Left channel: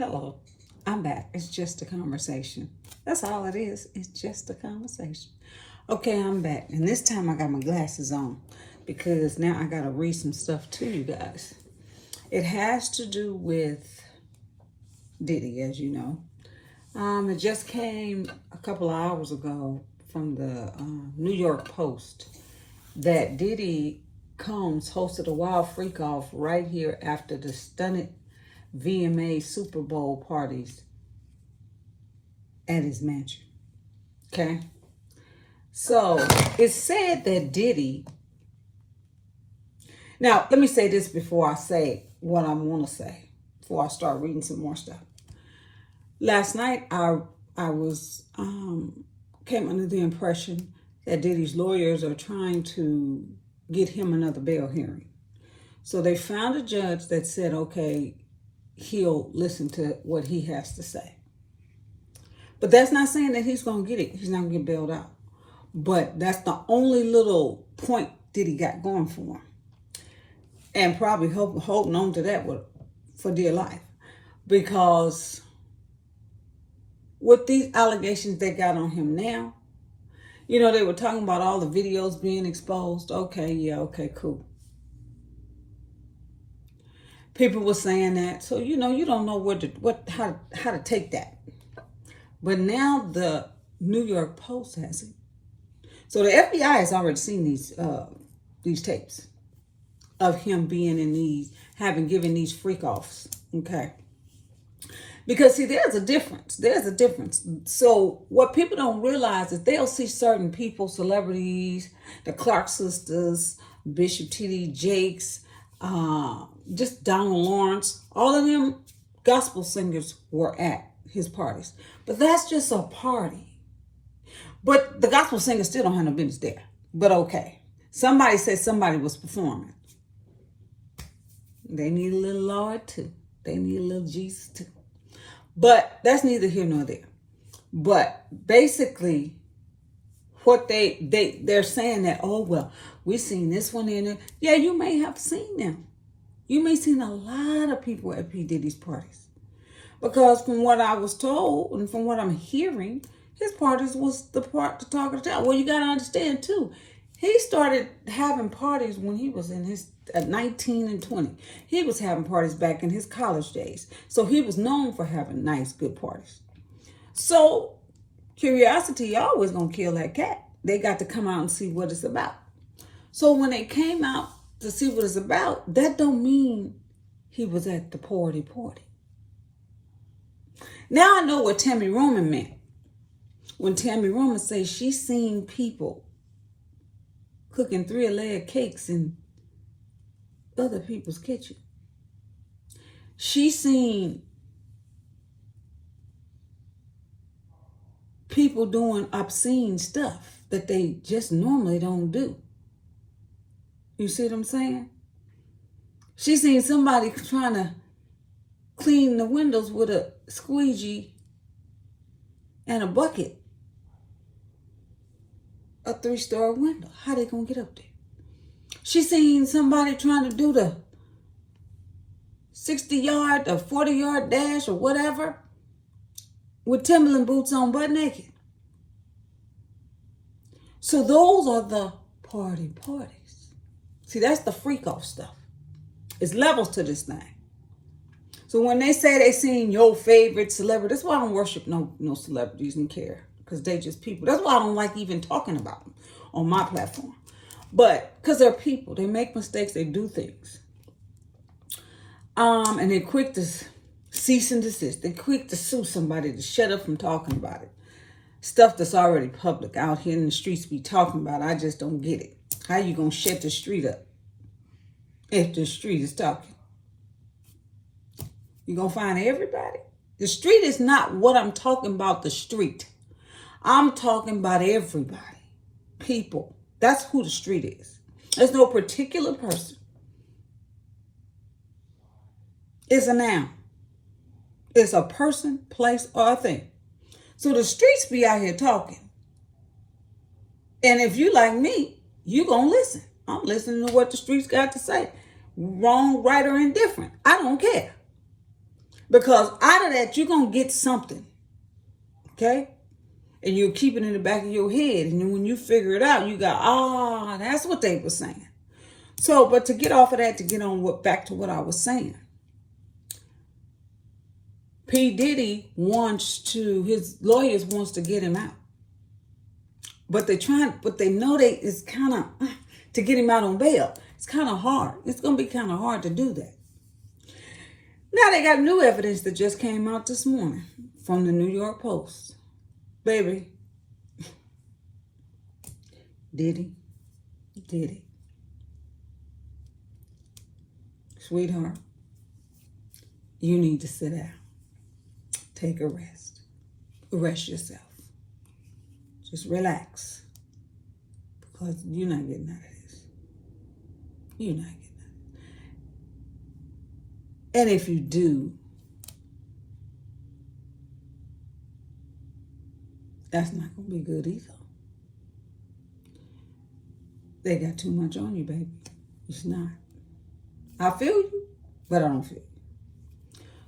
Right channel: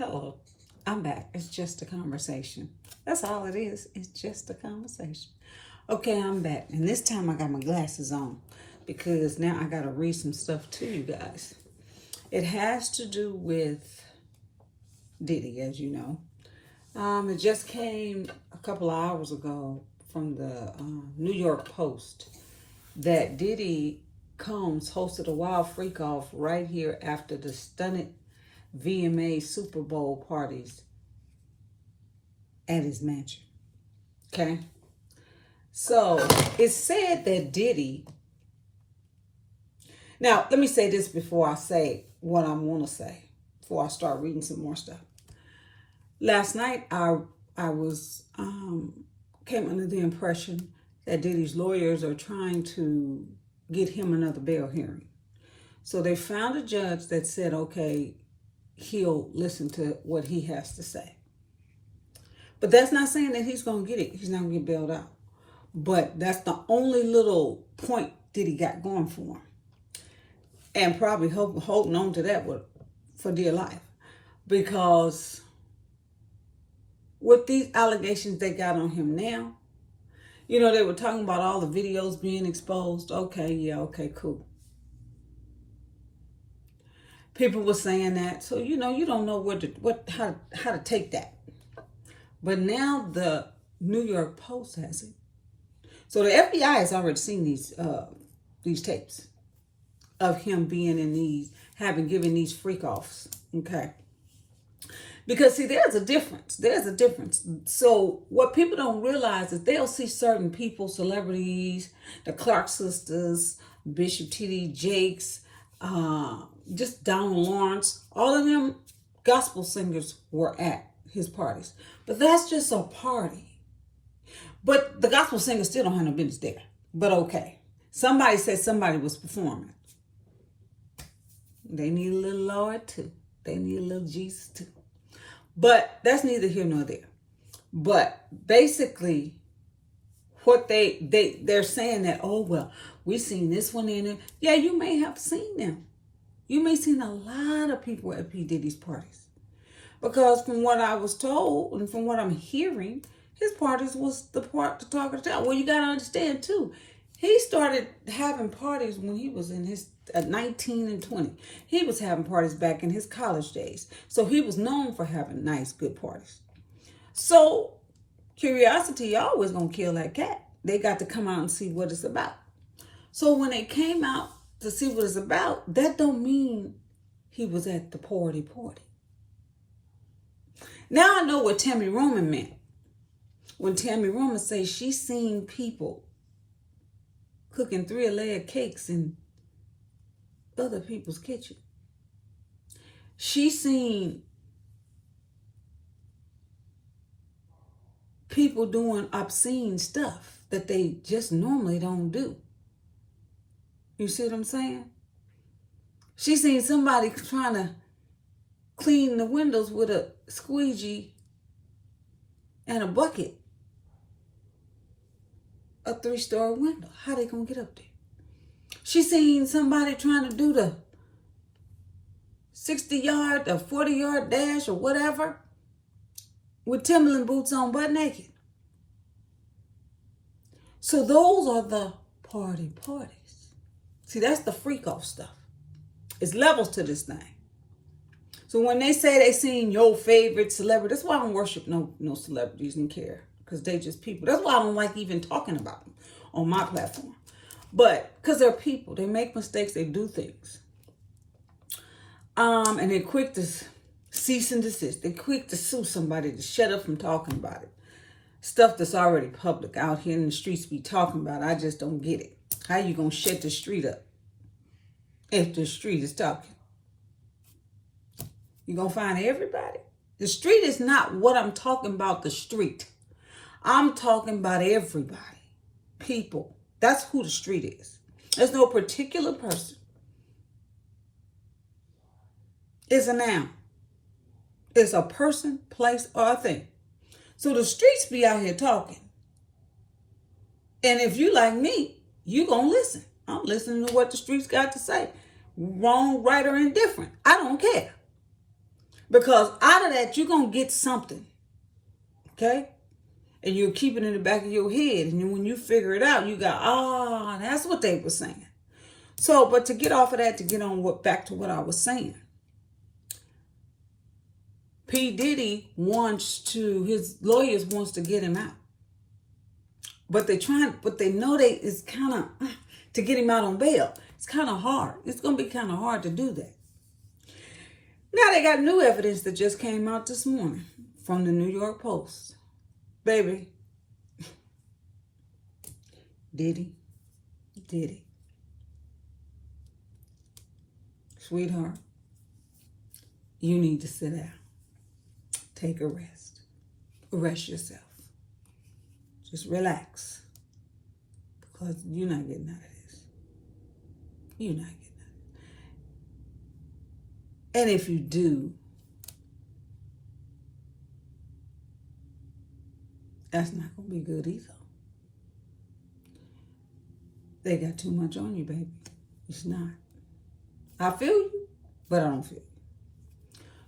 Hello, I'm back. It's just a conversation. That's all it is. It's just a conversation. Okay, I'm back. And this time I got my glasses on because now I got to read some stuff to you guys. It has to do with Diddy, as you know. It just came a couple of hours ago from the New York Post that Diddy Combs hosted a wild freak off right here after the stunted VMA Super Bowl parties at his mansion. Okay? So it's said that Diddy. Now, let me say this before I say what I want to say, before I start reading some more stuff. Last night, I was came under the impression that Diddy's lawyers are trying to get him another bail hearing. So they found a judge that said, okay, he'll listen to what he has to say. But that's not saying that he's going to get it. He's not going to get bailed out. But that's the only little point Diddy got going for him. And probably holding on to that for dear life. Because with these allegations they got on him now, you know, they were talking about all the videos being exposed. Okay, yeah, okay, cool. People were saying that, so you know, you don't know how to take that. But now the New York Post has it. So the FBI has already seen these tapes of him being in these, given these freak offs. Okay. Because see, there's a difference. There's a difference. So what people don't realize is they'll see certain people, celebrities, the Clark sisters, Bishop T.D. Jakes, just Donald Lawrence, all of them gospel singers were at his parties. But that's just a party. But the gospel singers still don't have no business there. But okay. Somebody said somebody was performing. They need a little Lord too. They need a little Jesus too. But that's neither here nor there. But basically, what they're saying that, oh, well, we've seen this one in it. Yeah, you may have seen them. You may have seen a lot of people at P. Diddy's parties. Because from what I was told and from what I'm hearing, his parties was the talk of the town. Well, you got to understand, too. He started having parties when he was in his 19 and 20. He was having parties back in his college days. So he was known for having nice, good parties. So curiosity always going to kill that cat. They got to come out and see what it's about. So when they came out to see what it's about, that don't mean he was at the party. Now I know what Tammy Roman meant. When Tammy Roman says she's seen people cooking 3-layer cakes in other people's kitchen. She's seen people doing obscene stuff that they just normally don't do. You see what I'm saying? She's seen somebody trying to clean the windows with a squeegee and a bucket. A 3-story window. How they gonna get up there? She seen somebody trying to do the 60-yard or 40-yard dash or whatever with Timberland boots on, butt naked. So those are the parties. See, that's the freak off stuff. It's levels to this thing. So when they say they seen your favorite celebrity, that's why I don't worship no celebrities and care. Because they just people. That's why I don't like even talking about them on my platform. But because they're people. They make mistakes. They do things. And they're quick to cease and desist. They're quick to sue somebody to shut up from talking about it. Stuff that's already public out here in the streets be talking about. I just don't get it. How you going to shut the street up if the street is talking? You going to find everybody? The street is not what I'm talking about, the street. I'm talking about everybody. People. That's who the street is. There's no particular person. It's a noun. It's a person, place, or a thing. So the streets be out here talking. And if you like me, you gonna listen. I'm listening to what the streets got to say. Wrong, right, or indifferent. I don't care. Because out of that, you're going to get something. Okay? And you'll keep it in the back of your head. And then when you figure it out, you go, that's what they were saying. So, but to get off of that, to get on back to what I was saying. P. Diddy his lawyers wants to get him out. But they know it's kind of, to get him out on bail, it's kind of hard. It's going to be kind of hard to do that. Now they got new evidence that just came out this morning from the New York Post. Baby, Diddy, sweetheart, you need to sit down. Take a rest. Rest yourself. Just relax. Because you're not getting out of this. You're not getting out of it. And if you do, that's not going to be good either. They got too much on you, baby. It's not. I feel you, but I don't feel you.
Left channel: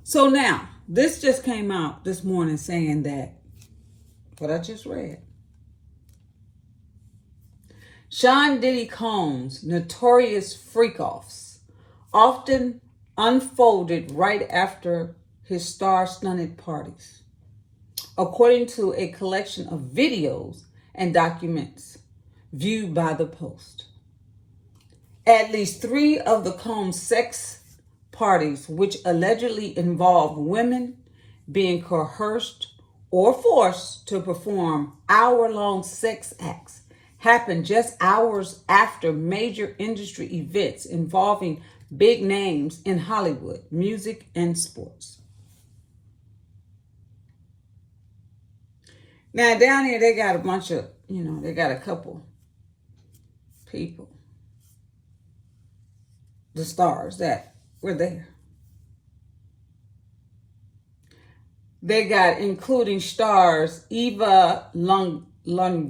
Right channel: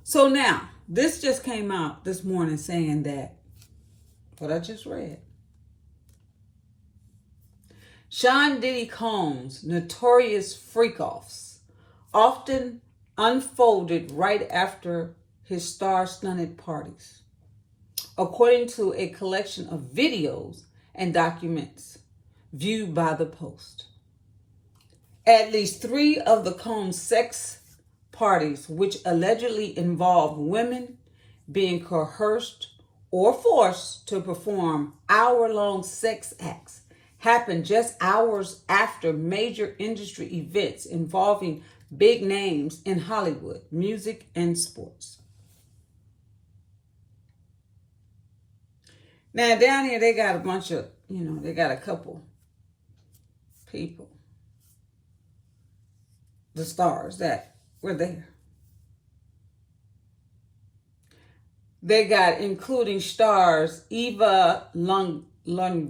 So now, this just came out this morning saying that what I just read. Sean Diddy Combs' notorious freak-offs often unfolded right after his star-studded parties, according to a collection of videos and documents viewed by the Post. At least 3 of the Combs sex parties, which allegedly involved women being coerced or forced to perform hour-long sex acts, happened just hours after major industry events involving big names in Hollywood, music, and sports. Now, down here, they got a bunch of, they got a couple people, the stars that were there. They got, including stars, Eva Longoria,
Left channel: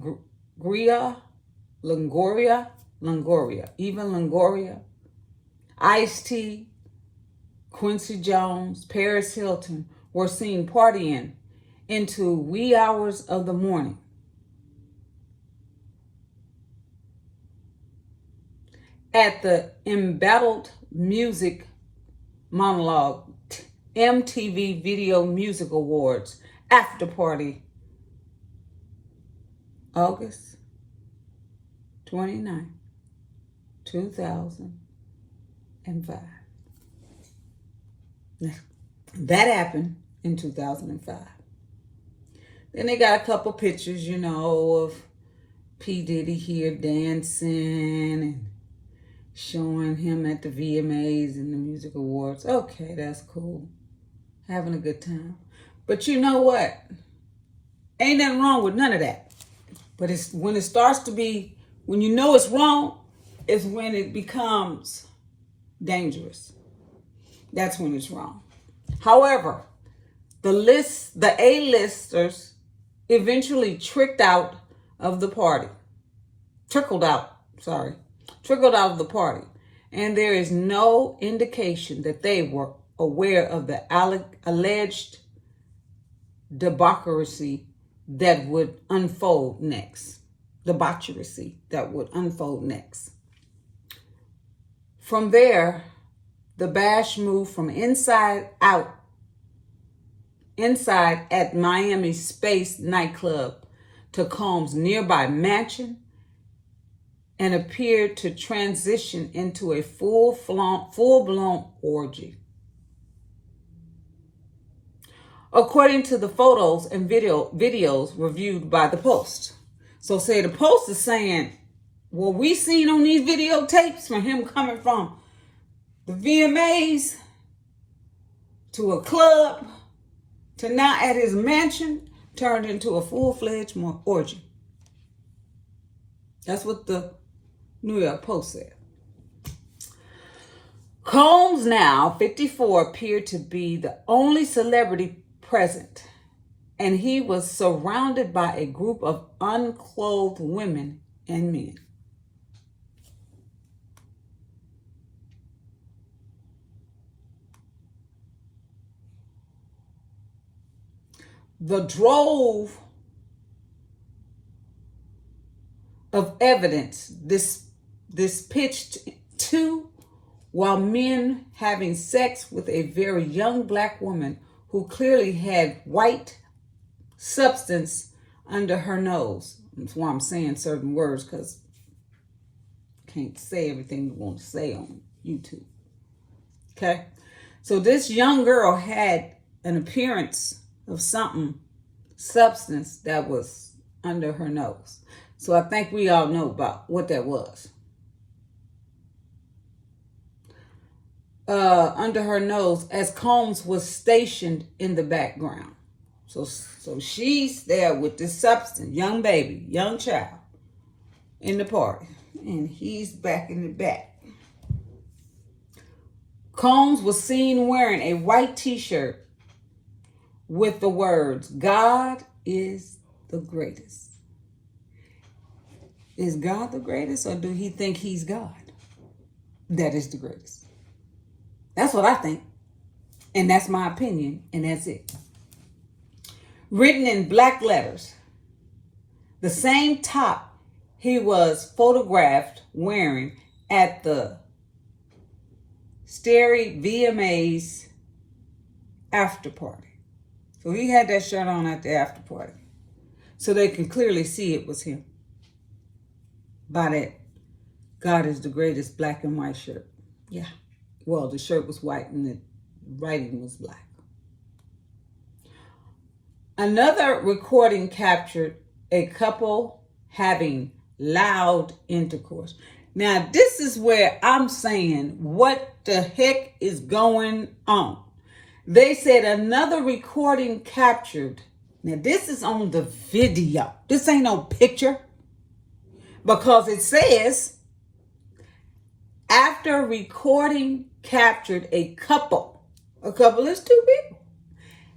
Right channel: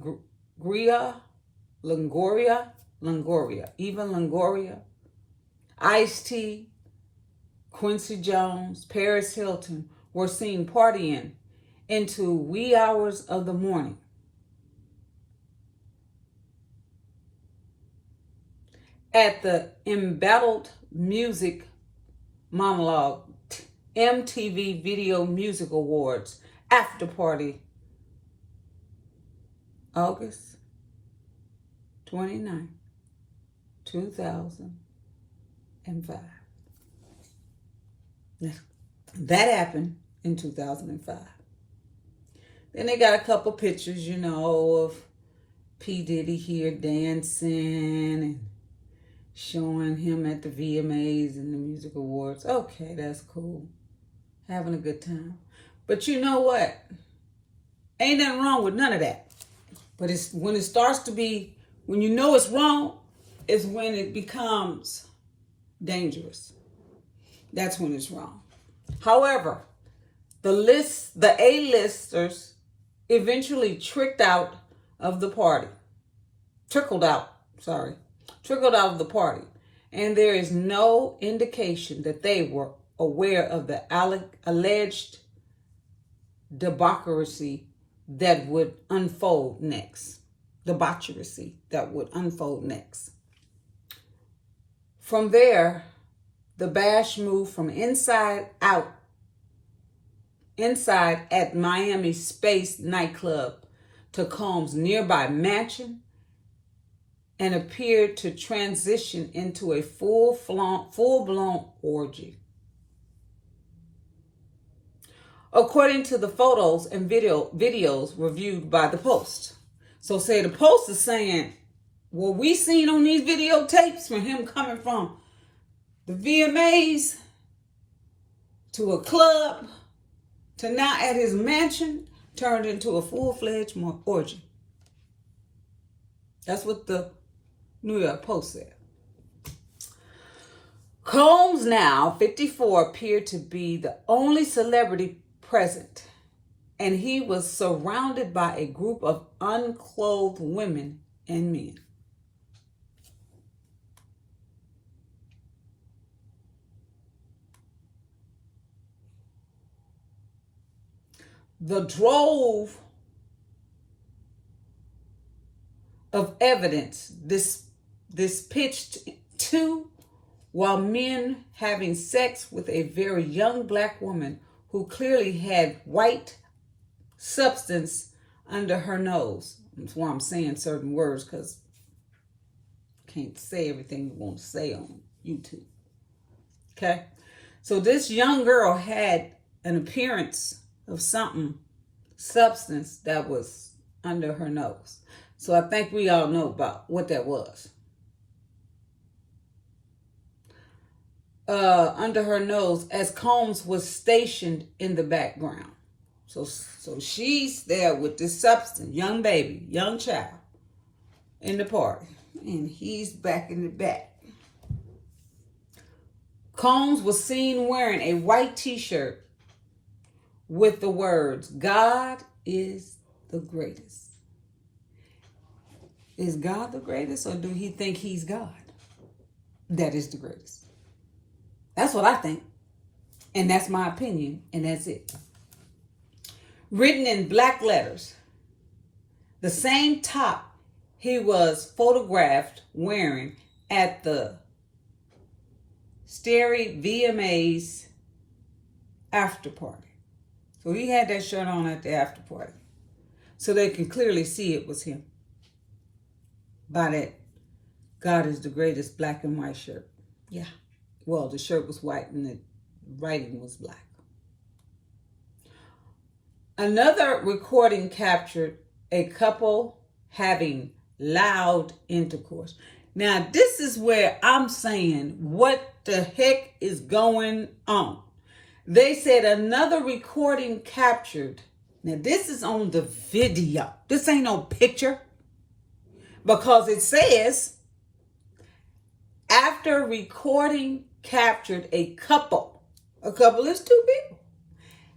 Ice-T, Quincy Jones, Paris Hilton were seen partying into wee hours of the morning. At the Embattled Music Monologue MTV Video Music Awards after party, August 29, 2005. That happened in 2005. Then they got a couple pictures, of P. Diddy here dancing and showing him at the VMAs and the Music Awards. Okay, that's cool. Having a good time. But you know what? Ain't nothing wrong with none of that. But it's when it starts to be, when you know it's wrong, is when it becomes dangerous. That's when it's wrong. However, the A-listers eventually trickled out of the party. And there is no indication that they were aware of the alleged debauchery that would unfold next. From there, the bash moved from inside at Miami Space nightclub to Combs' nearby mansion and appeared to transition into a full-blown orgy. According to the photos and videos reviewed by the Post. So say the Post is saying, what we seen on these videotapes from him coming from the VMAs to a club to now at his mansion turned into a full-fledged orgy. That's what the New York Post said. Combs, now 54, appeared to be the only celebrity present, and he was surrounded by a group of unclothed women and men. the drove of evidence this pitched to, while men having sex with a very young black woman who clearly had white substance under her nose. That's why I'm saying certain words, because I can't say everything you want to say on YouTube. Okay? So this young girl had an appearance of substance that was under her nose. So I think we all know about what that was. Under her nose, as Combs was stationed in the background. So she's there with this substance, young baby, young child, in the party. And he's back in the back. Combs was seen wearing a white t-shirt with the words, "God is the greatest." Is God the greatest, or do he think he's God? That is the greatest. That's what I think. And that's my opinion, and that's it. Written in black letters, the same top he was photographed wearing at the Starry VMA's after party. So he had that shirt on at the after party. So they can clearly see it was him. By that God is the greatest black and white shirt. Yeah. Well, the shirt was white and the writing was black. Another recording captured a couple having loud intercourse. Now, this is where I'm saying, what the heck is going on? They said another recording captured. Now, this is on the video. This ain't no picture. Because it says, after recording captured a couple is two people,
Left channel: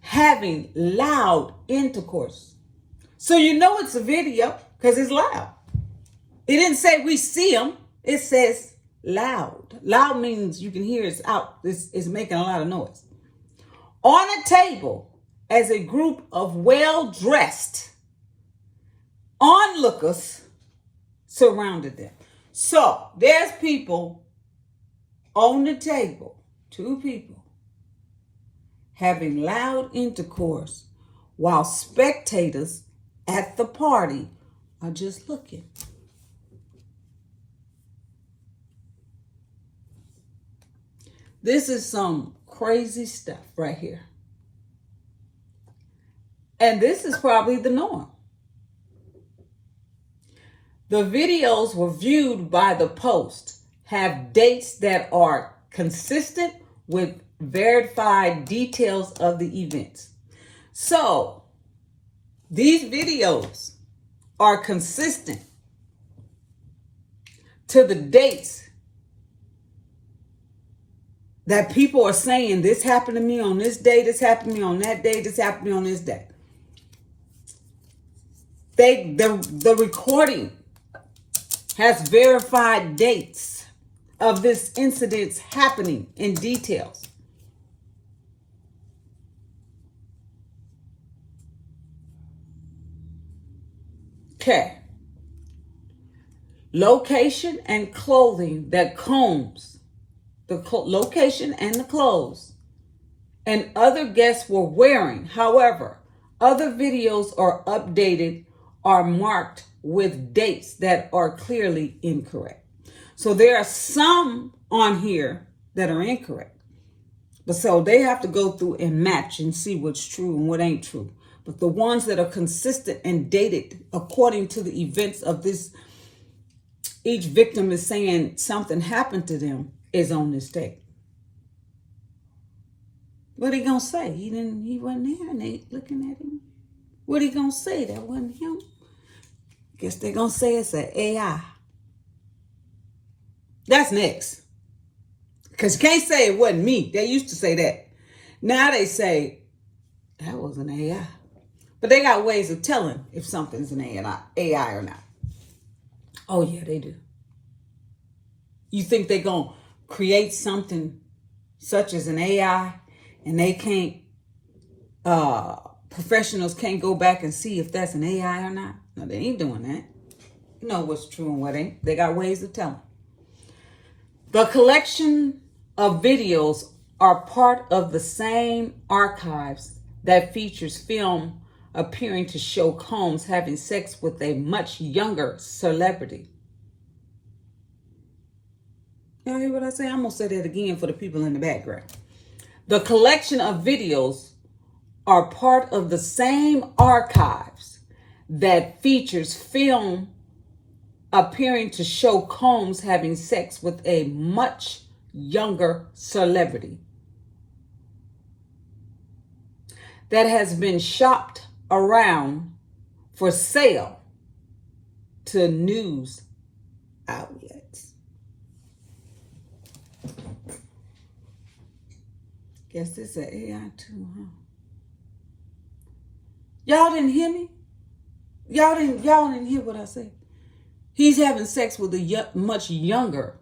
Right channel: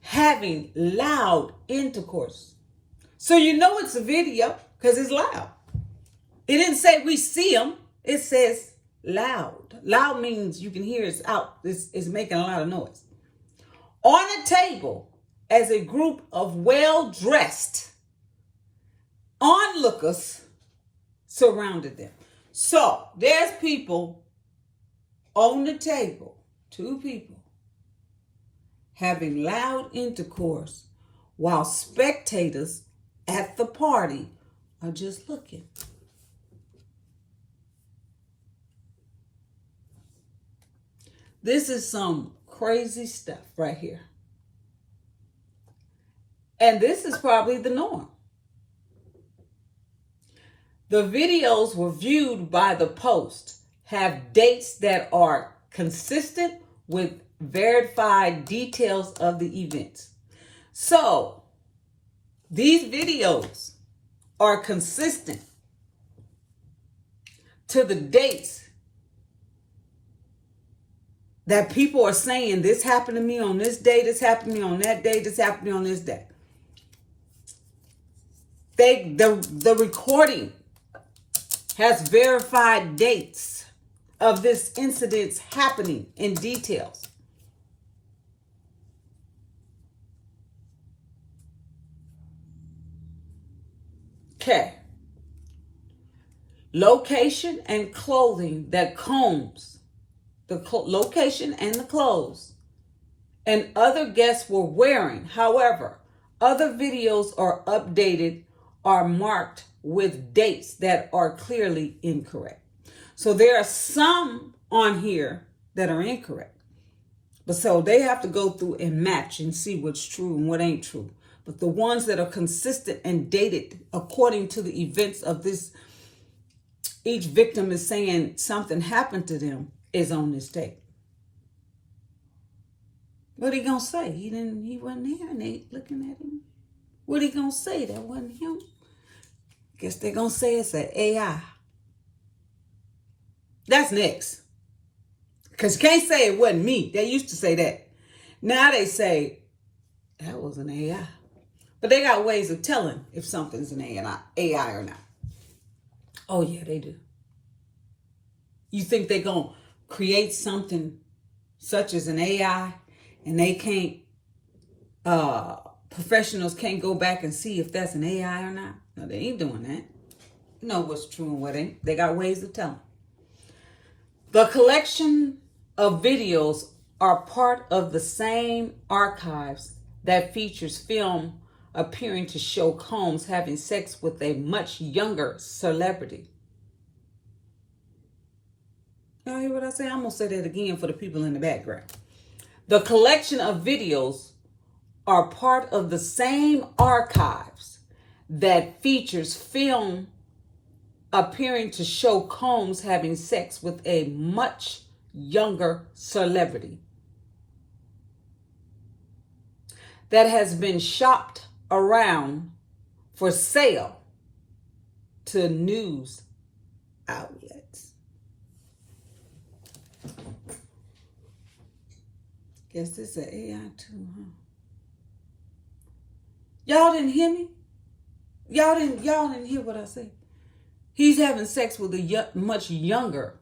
having loud intercourse. So you know it's a video because it's loud. It didn't say we see them. It says loud. Loud means you can hear it's out. It's making a lot of noise. On a table as a group of well-dressed onlookers surrounded them. So there's people on the table, two people, having loud intercourse while spectators at the party are just looking. This is some crazy stuff right here. And this is probably the norm. The videos were viewed by the Post, have dates that are consistent with verified details of the events. So, these videos are consistent to the dates that people are saying, this happened to me on this day, this happened to me on that day, this happened to me on this day. The recording has verified dates of this incident happening in details. Okay. Location and clothing that Combs, location and the clothes and other guests were wearing. However, other videos are updated or marked with dates that are clearly incorrect. So there are some on here that are incorrect. But so they have to go through and match and see what's true and what ain't true. But the ones that are consistent and dated according to the events of this, each victim is saying something happened to them, is on this date. What he gonna say? He wasn't there and they looking at him. What he gonna say? That wasn't him. Guess they're gonna say it's an AI. That's next. Because you can't say it wasn't me. They used to say that. Now they say that was an AI. But they got ways of telling if something's an AI or not. Oh yeah, they do. You think they're gonna create something such as an AI and they can't professionals can't go back and see if that's an AI or not. No, they ain't doing that. You know what's true and what ain't. They got ways to tell them. The collection of videos are part of the same archives that features film appearing to show Combs having sex with a much younger celebrity. Y'all hear what I say? I'm going to say that again for the people in the background. The collection of videos are part of the same archives that features film appearing to show Combs having sex with a much younger celebrity that has been shopped around for sale to news outlets. Guess this is an AI too, huh? Y'all didn't hear me? Y'all didn't hear what I said. He's having sex with a much younger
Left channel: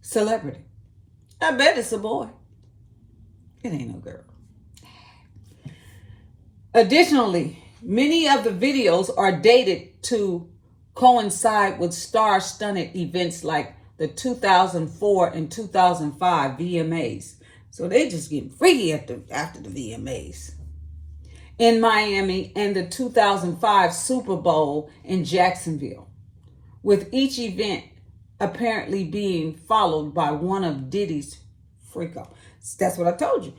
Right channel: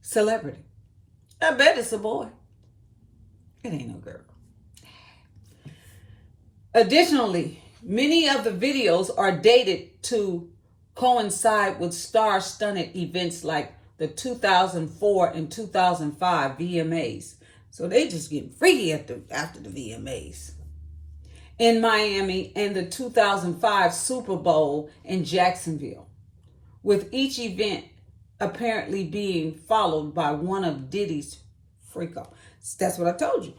celebrity. I bet it's a boy. It ain't no girl. Additionally, many of the videos are dated to coincide with star-studded events like the 2004 and 2005 VMAs. So they just getting freaky after the VMAs in Miami and the 2005 Super Bowl in Jacksonville, with each event apparently being followed by one of Diddy's freak-offs. That's what I told you.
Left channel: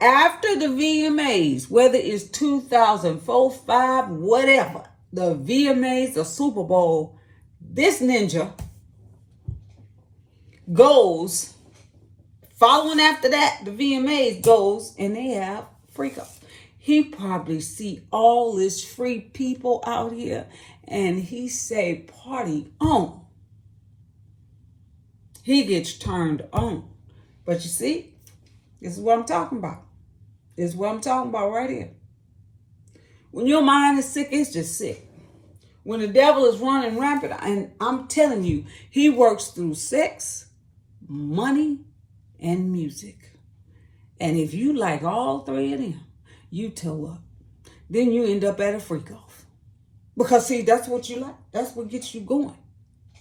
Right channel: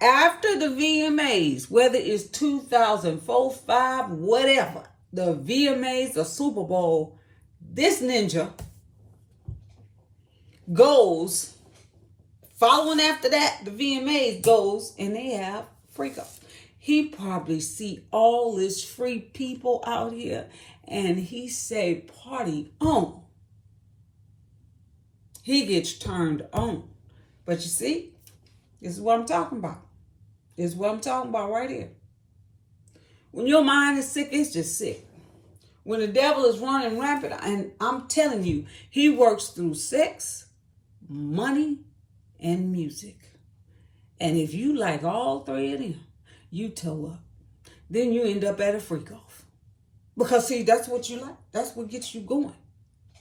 After the VMAs, whether it's 2004, 5, whatever, the VMAs, the Super Bowl, this ninja goes, following after that, the VMAs goes, and they have freak-offs. He probably see all this free people out here, and he say, party on. He gets turned on. But you see, this is what I'm talking about. This is what I'm talking about right here. When your mind is sick, it's just sick. When the devil is running rampant, and I'm telling you, he works through sex, money, and music. And if you like all three of them, you toe up. Then you end up at a freak off. Because see, that's what you like. That's what gets you going.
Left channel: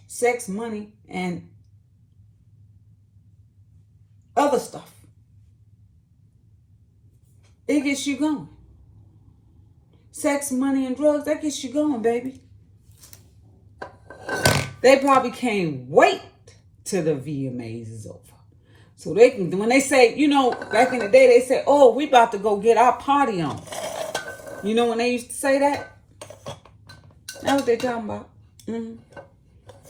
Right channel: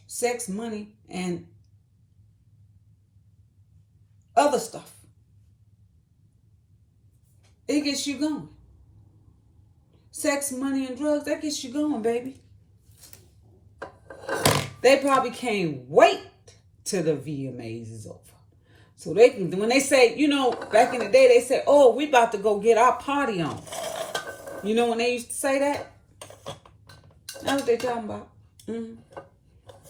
Sex, money, and other stuff. It gets you going. Sex, money, and drugs, that gets you going, baby. They probably can't wait till the VMAs is over. So they can, when they say, you know, back in the day, they say, oh, we about to go get our party on. You know when they used to say that? That's what they're talking about. Mm-hmm.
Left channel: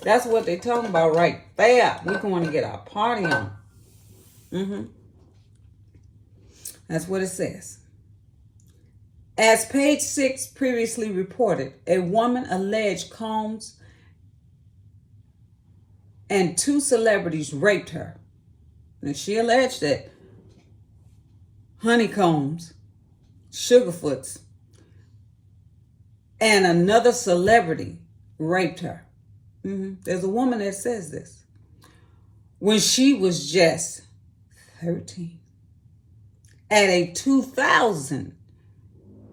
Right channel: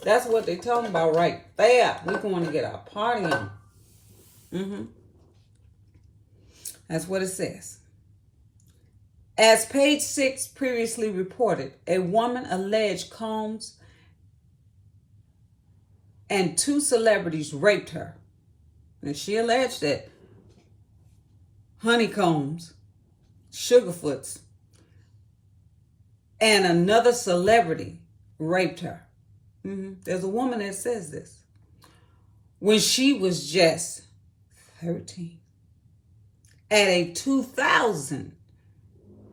That's what they're talking about right there. We're going to get our party on. Mm-hmm. That's what it says. As page 6 previously reported, a woman alleged Combs and 2 celebrities raped her. And she alleged that Honeycombs, Sugarfoots, and another celebrity raped her. Mm-hmm. There's a woman that says this. When she was just 13. At a 2000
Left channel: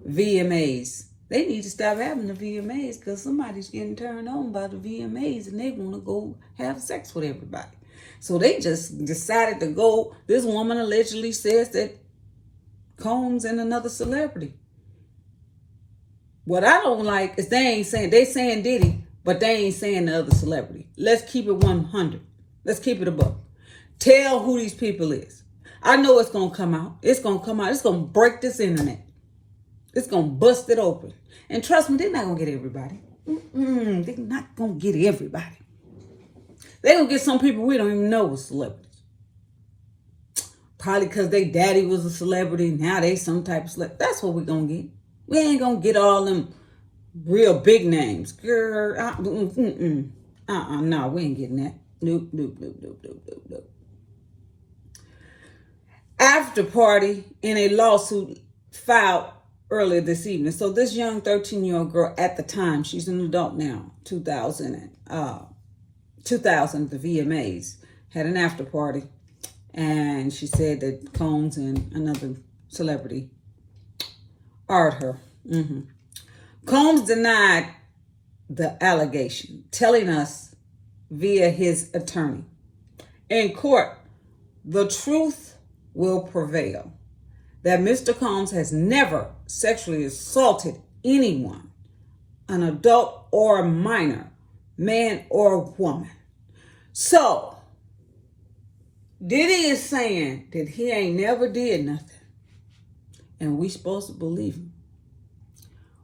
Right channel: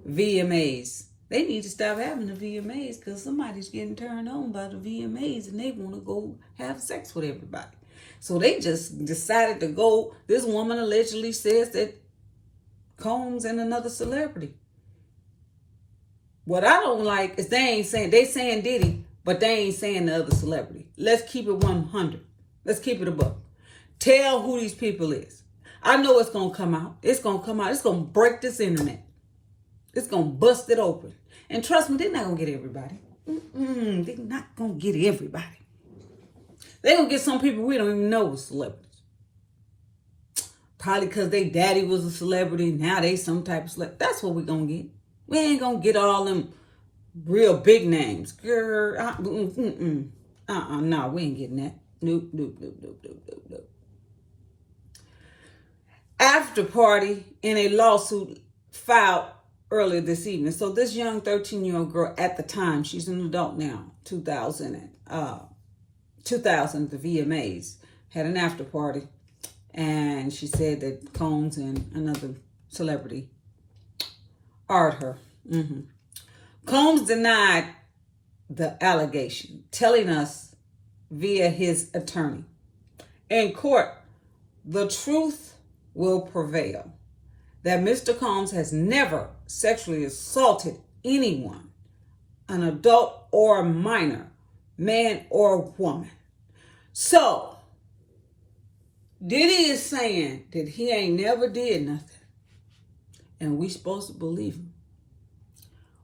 VMAs. They need to stop having the VMAs because somebody's getting turned on by the VMAs and they want to go have sex with everybody. So they just decided to go. This woman allegedly says that Combs and another celebrity. What I don't like is they saying Diddy, but they ain't saying the other celebrity. Let's keep it 100. Let's keep it above. Tell who these people is. I know it's going to come out. It's going to come out. It's going to break this internet. It's going to bust it open. And trust me, they're not going to get everybody. They're not going to get everybody. They're going to get some people we don't even know was celebrities. Probably because their daddy was a celebrity. Now they some type of celebrity. That's what we're going to get. We ain't going to get all them real big names. Girl, no, we ain't getting that. Nope. After party in a lawsuit filed earlier this evening. So this young 13-year-old girl at the time, she's an adult now, 2000, the VMAs, had an after party. And she said that Combs and another celebrity art her. Combs denied the allegation, telling us via his attorney, in court, the truth will prevail, that Mr. Combs has never sexually assaulted anyone, an adult or a minor, man or woman. So, Diddy is saying that he ain't never did nothing, and we supposed to believe him.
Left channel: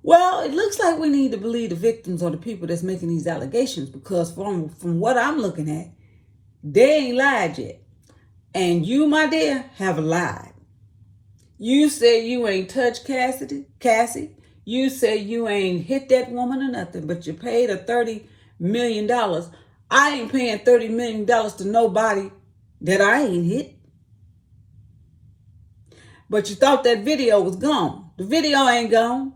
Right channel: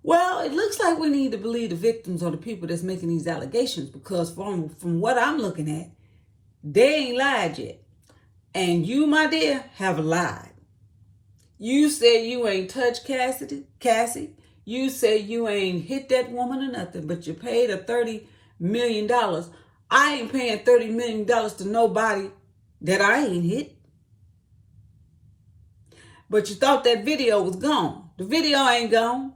Well, it looks like we need to believe the victims or the people that's making these allegations, because from what I'm looking at, they ain't lied yet. And you, my dear, have lied. You say you ain't touched Cassie. You say you ain't hit that woman or nothing, but you paid her $30 million. I ain't paying $30 million to nobody that I ain't hit. But you thought that video was gone. The video ain't gone.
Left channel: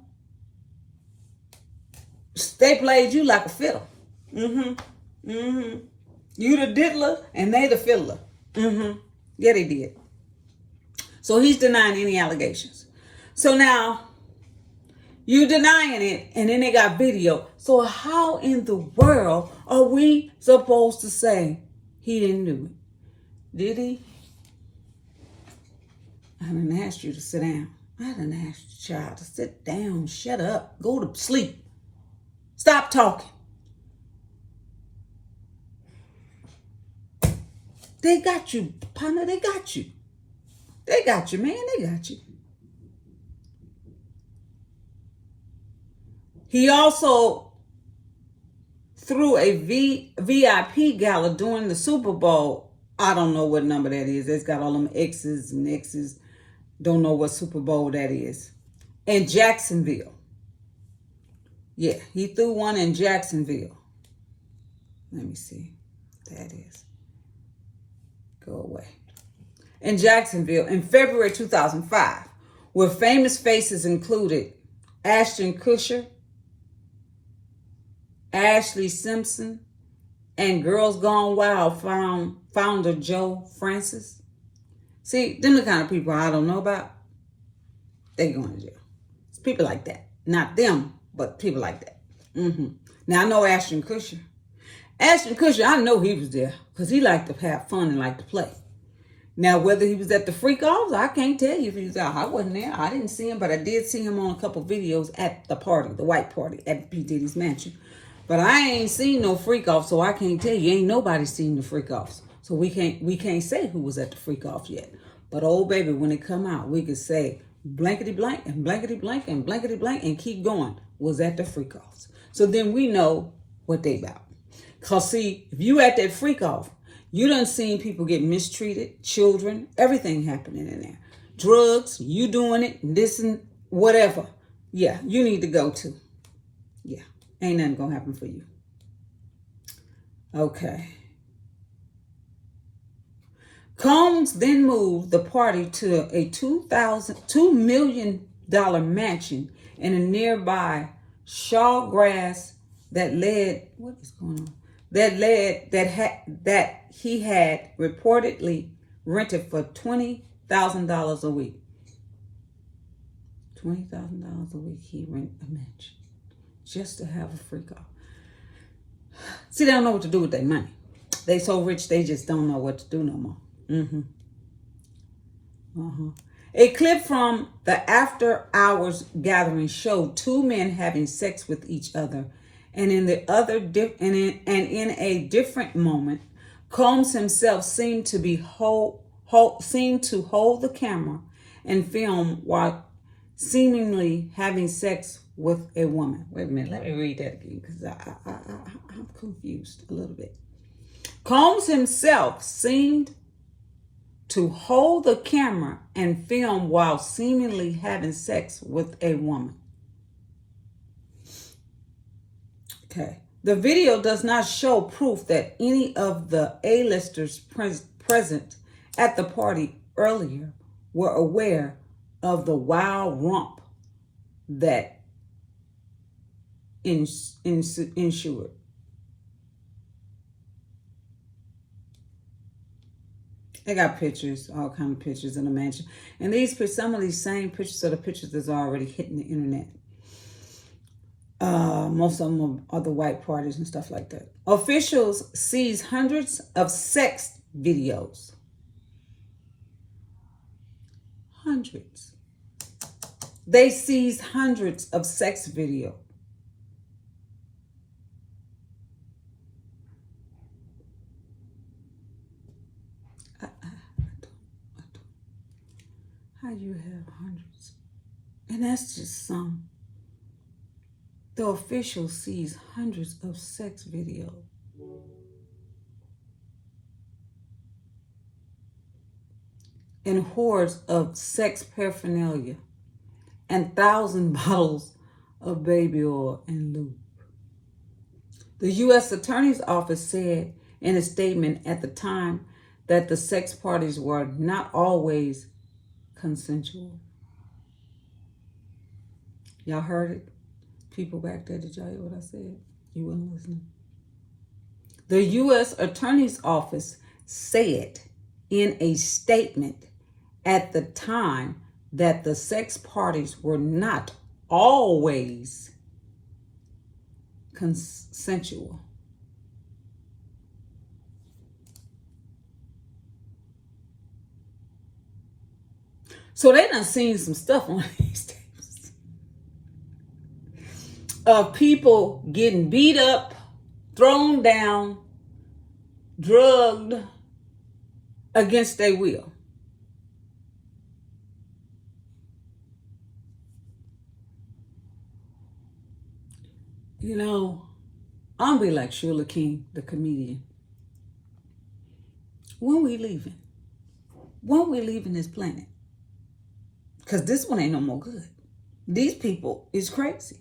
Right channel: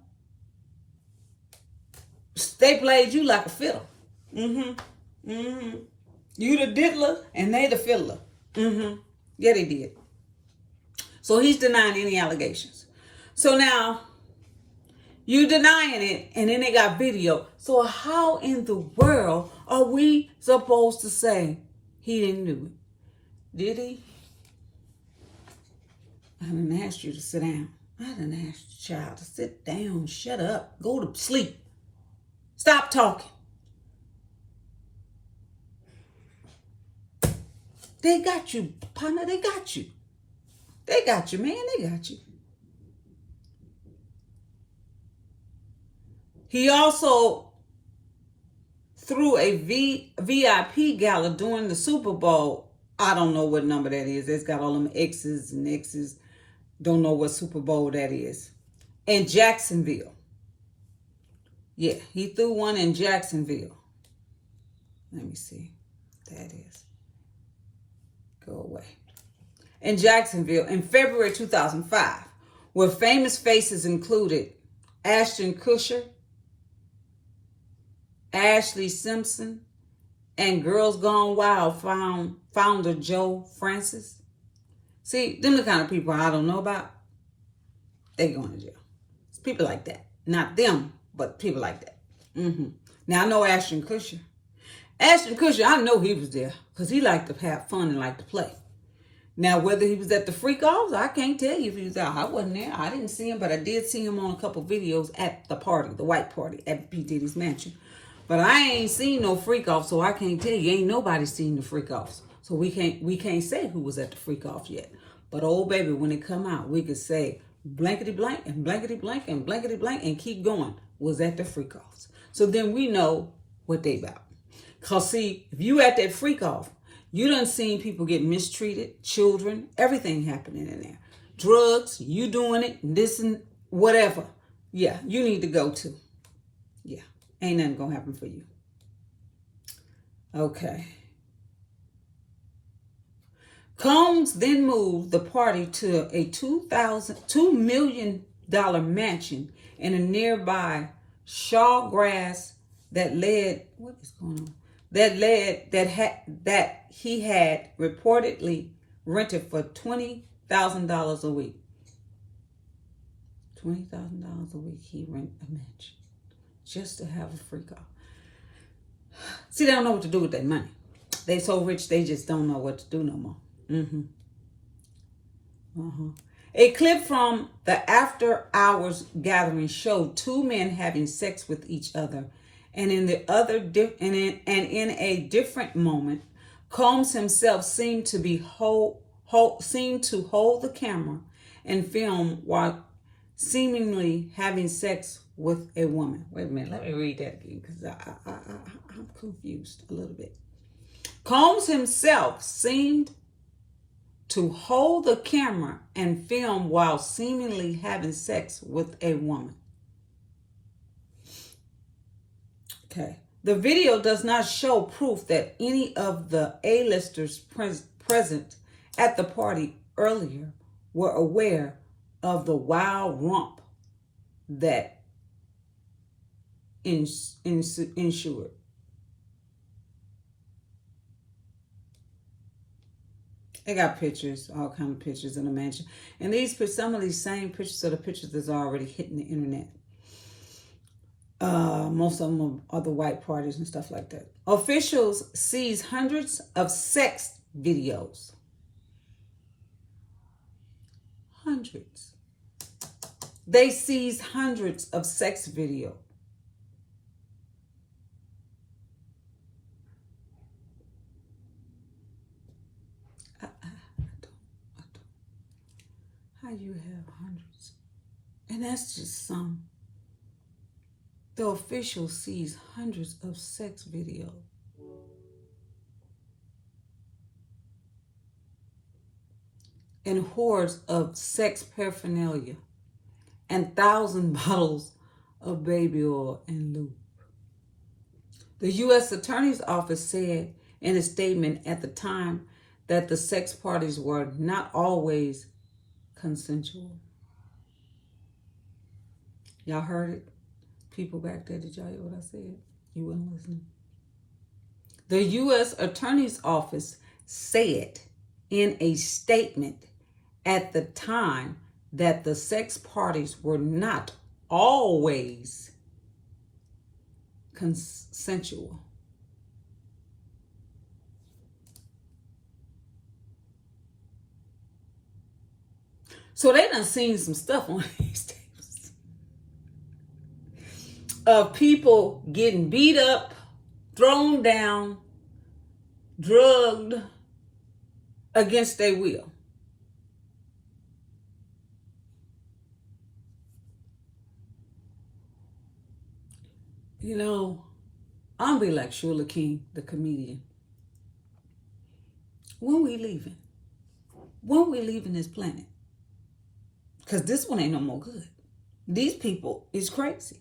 They played you like a fiddle. You the diddler and they the fiddler. Yeah, they did. So he's denying any allegations. So now you denying it, and then they got video. So how in the world are we supposed to say he didn't do it? Did he? I done asked you to sit down. I done asked the child to sit down, shut up, go to sleep. Stop talking. They got you, partner. They got you. They got you, man. They got you. He also threw a VIP gala during the Super Bowl. I don't know what number that is. It's got all them X's and X's. Don't know what Super Bowl that is. In Jacksonville. Yeah, he threw one in Jacksonville. Let me see. That is. Go away. In Jacksonville in February 2005, where famous faces included Ashton Kutcher, Ashley Simpson, and Girls Gone Wild founder Joe Francis. See, them the kind of people I don't know about. They going to jail. It's people like that. Not them, but people like that. Now, I know Ashton Kutcher. Ashton Kutcher, I know he was there because he liked to have fun and liked to play. Now, whether he was at the freak-offs, I can't tell you if he was out. I wasn't there. I didn't see him, but I did see him on a couple videos at the party, the white party at P. Diddy's mansion. But I ain't seen no freak-offs, so I can't tell you. Ain't nobody seen the freak-offs. So we can't say who was at the freak-off yet. But, oh, baby, when it come out, we could say blankety-blank and blankety-blank and blankety-blank and keep going was at the freak-offs. So then we know what they about. Because, see, if you at that freak-off, you done seen people get mistreated, children, everything happening in there. Drugs, you doing it, this and whatever. Yeah, you need to go to. Yeah, ain't nothing gonna happen for you. Okay. Combs then moved the party to a $2 million mansion in a nearby Shawgrass that led, what is going on? That he had reportedly rented for $20,000 a week. $20,000 a week he rent a mansion just to have a freak off. See, they don't know what to do with their money. They so rich they just don't know what to do no more. A clip from the after hours gathering showed two men having sex with each other. And in a different moment, Combs himself seemed to hold the camera and film while seemingly having sex with a woman. Wait a minute, let me read that again because I'm confused a little bit. Combs himself seemed to hold the camera and film while seemingly having sex with a woman. Okay. The video does not show proof that any of the A-listers present at the party earlier were aware of the wild romp that ensued. They got pictures, all kind of pictures in the mansion. And some of these same pictures are the pictures that's already hitting the internet. Most of them are the white parties and stuff like that. Officials seize hundreds of sex videos. Hundreds. They seized hundreds of sex videos. How you have hundreds? And that's just some. The official sees hundreds of sex videos. And hordes of sex paraphernalia. And 1,000 bottles of baby oil and lube. The U.S. Attorney's Office said in a statement at the time that the sex parties were not always consensual. Y'all heard it? People back there, did y'all hear what I said? You weren't listening. The U.S. Attorney's Office said in a statement at the time that the sex parties were not always consensual. So they done seen some stuff on these tapes of people getting beat up, thrown down, drugged against their will. You know, I'm be like Shula King, the comedian. When we leaving? When we leaving this planet? Because this one ain't no more good. These people is crazy.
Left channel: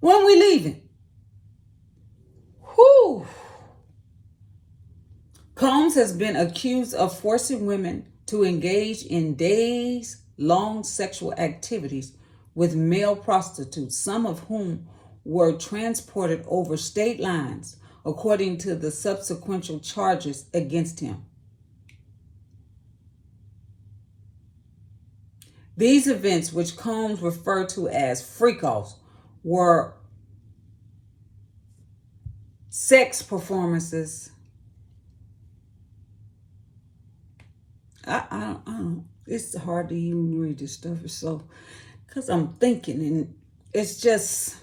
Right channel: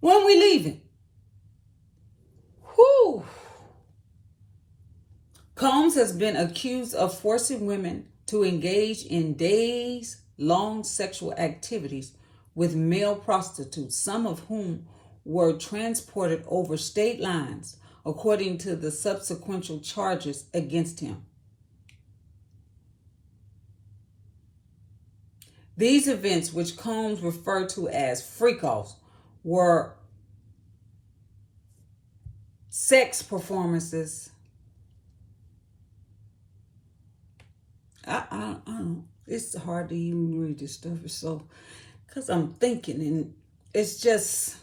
When we leaving? Whew. Combs has been accused of forcing women to engage in days-long sexual activities with male prostitutes, some of whom were transported over state lines, according to the subsequent charges against him. These events, which Combs referred to as freak-offs, were sex performances. I don't. It's hard to even read this stuff. It's so, because I'm thinking, and it's just.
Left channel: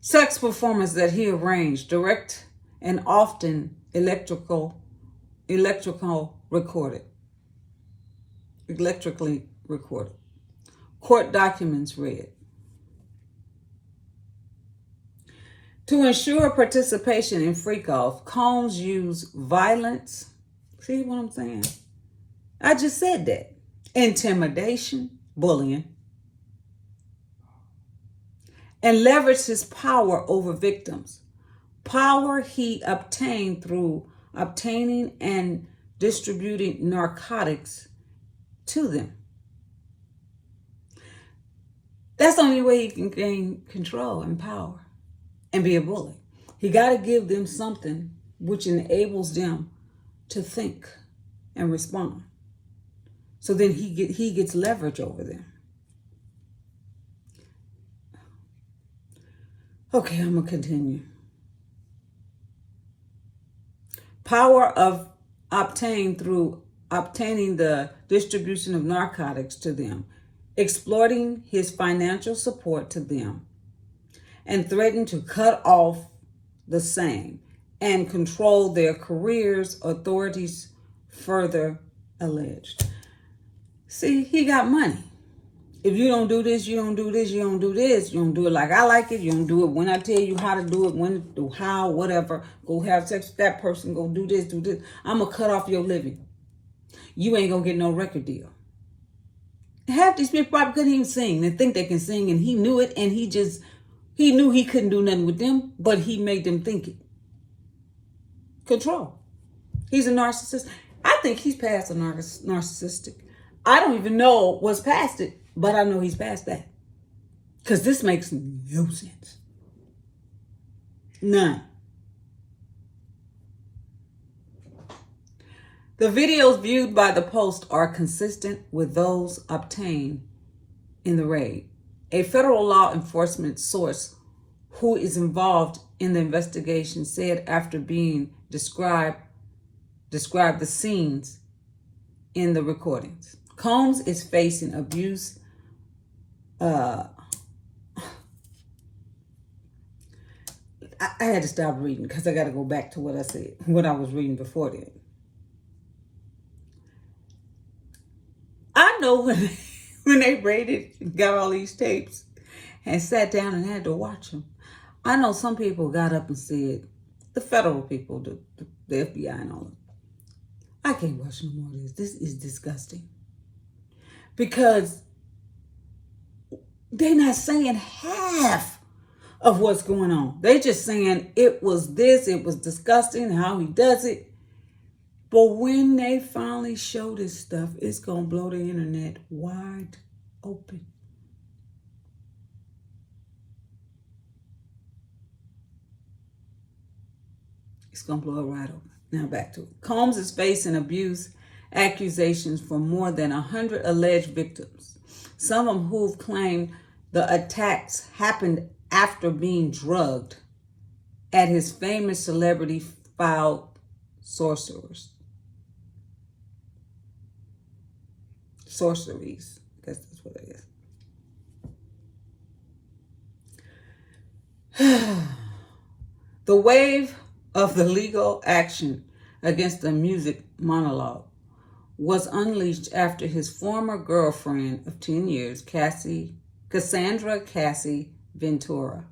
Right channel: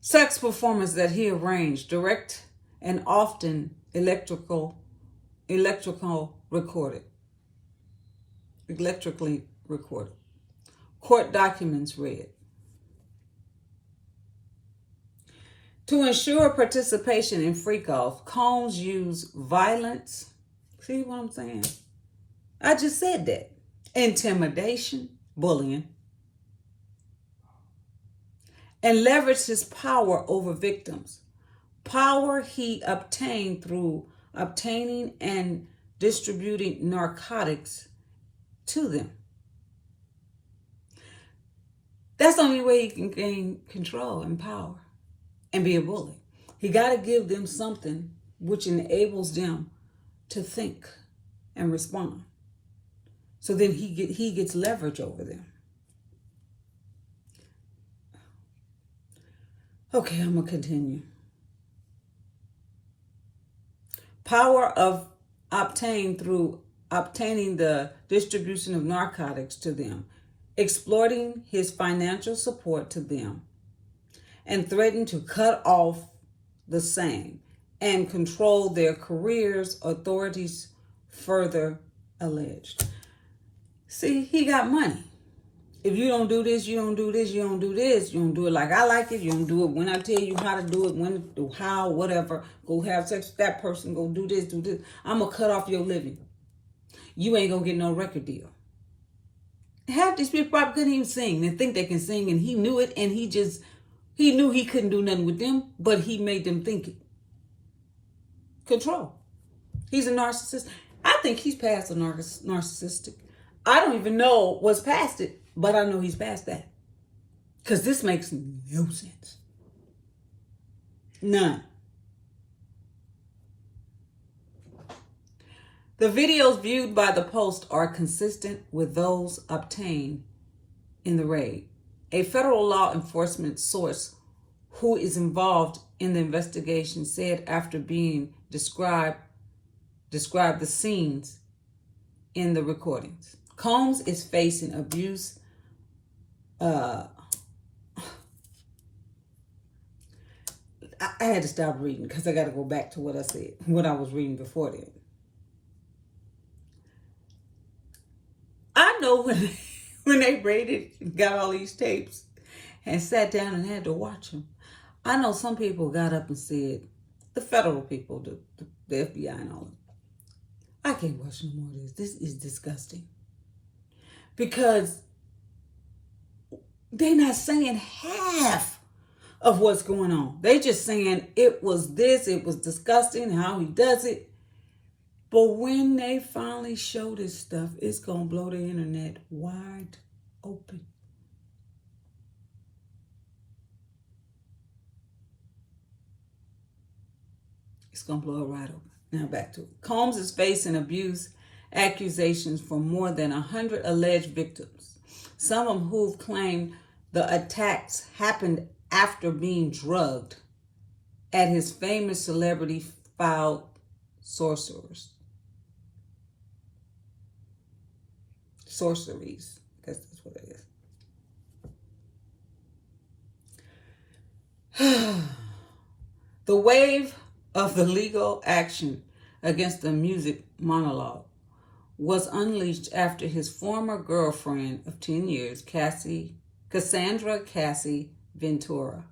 Sex performance that he arranged, direct and often electrically recorded. Court documents read. To ensure participation in freak-off, Combs used violence. See what I'm saying? I just said that. Intimidation, bullying, and leveraged his power over victims. Power he obtained through obtaining and distributing narcotics to them. That's the only way he can gain control and power and be a bully. He got to give them something which enables them to think and respond. So then he gets leverage over them. Okay, I'm going to continue. Power of obtained through obtaining the distribution of narcotics to them, exploiting his financial support to them, and threatened to cut off the same and control their careers, authorities further alleged. See, he got money. If you don't do this, you don't do this, you don't do this, you don't do it like I like it, you don't do it when I tell you how to do it, when to do how, whatever, go have sex with that person, go do this, I'm going to cut off your living. You ain't going to get no record deal. Half these people probably couldn't even sing. They think they can sing, and he knew it, and he knew he couldn't do nothing with them, but he made them think it. Control. He's a narcissist. I think he's past a narcissistic. I don't even know what's past it. But I know he's past that. Because this makes no sense. None. The videos viewed by the Post are consistent with those obtained in the raid. A federal law enforcement source who is involved in the investigation said after being described the scenes in the recordings. Combs is facing abuse. I had to stop reading because I got to go back to what I said, what I was reading before then. I know when they raided, got all these tapes and sat down and had to watch them. I know some people got up and said, the federal people, the FBI and all of them, I can't watch no more of this. This is disgusting. Because they're not saying half of what's going on. They just saying it was this, it was disgusting, how he does it. But when they finally show this stuff, it's going to blow the internet wide open. It's going to blow it right open. Now back to it. Combs is facing abuse accusations from more than 100 alleged victims. Some of who've claimed the attacks happened after being drugged at his famous celebrity filed sorceries. I guess that's what it is. The wave of the legal action against the music monologue was unleashed after his former girlfriend of 10 years, Cassandra Cassie Ventura,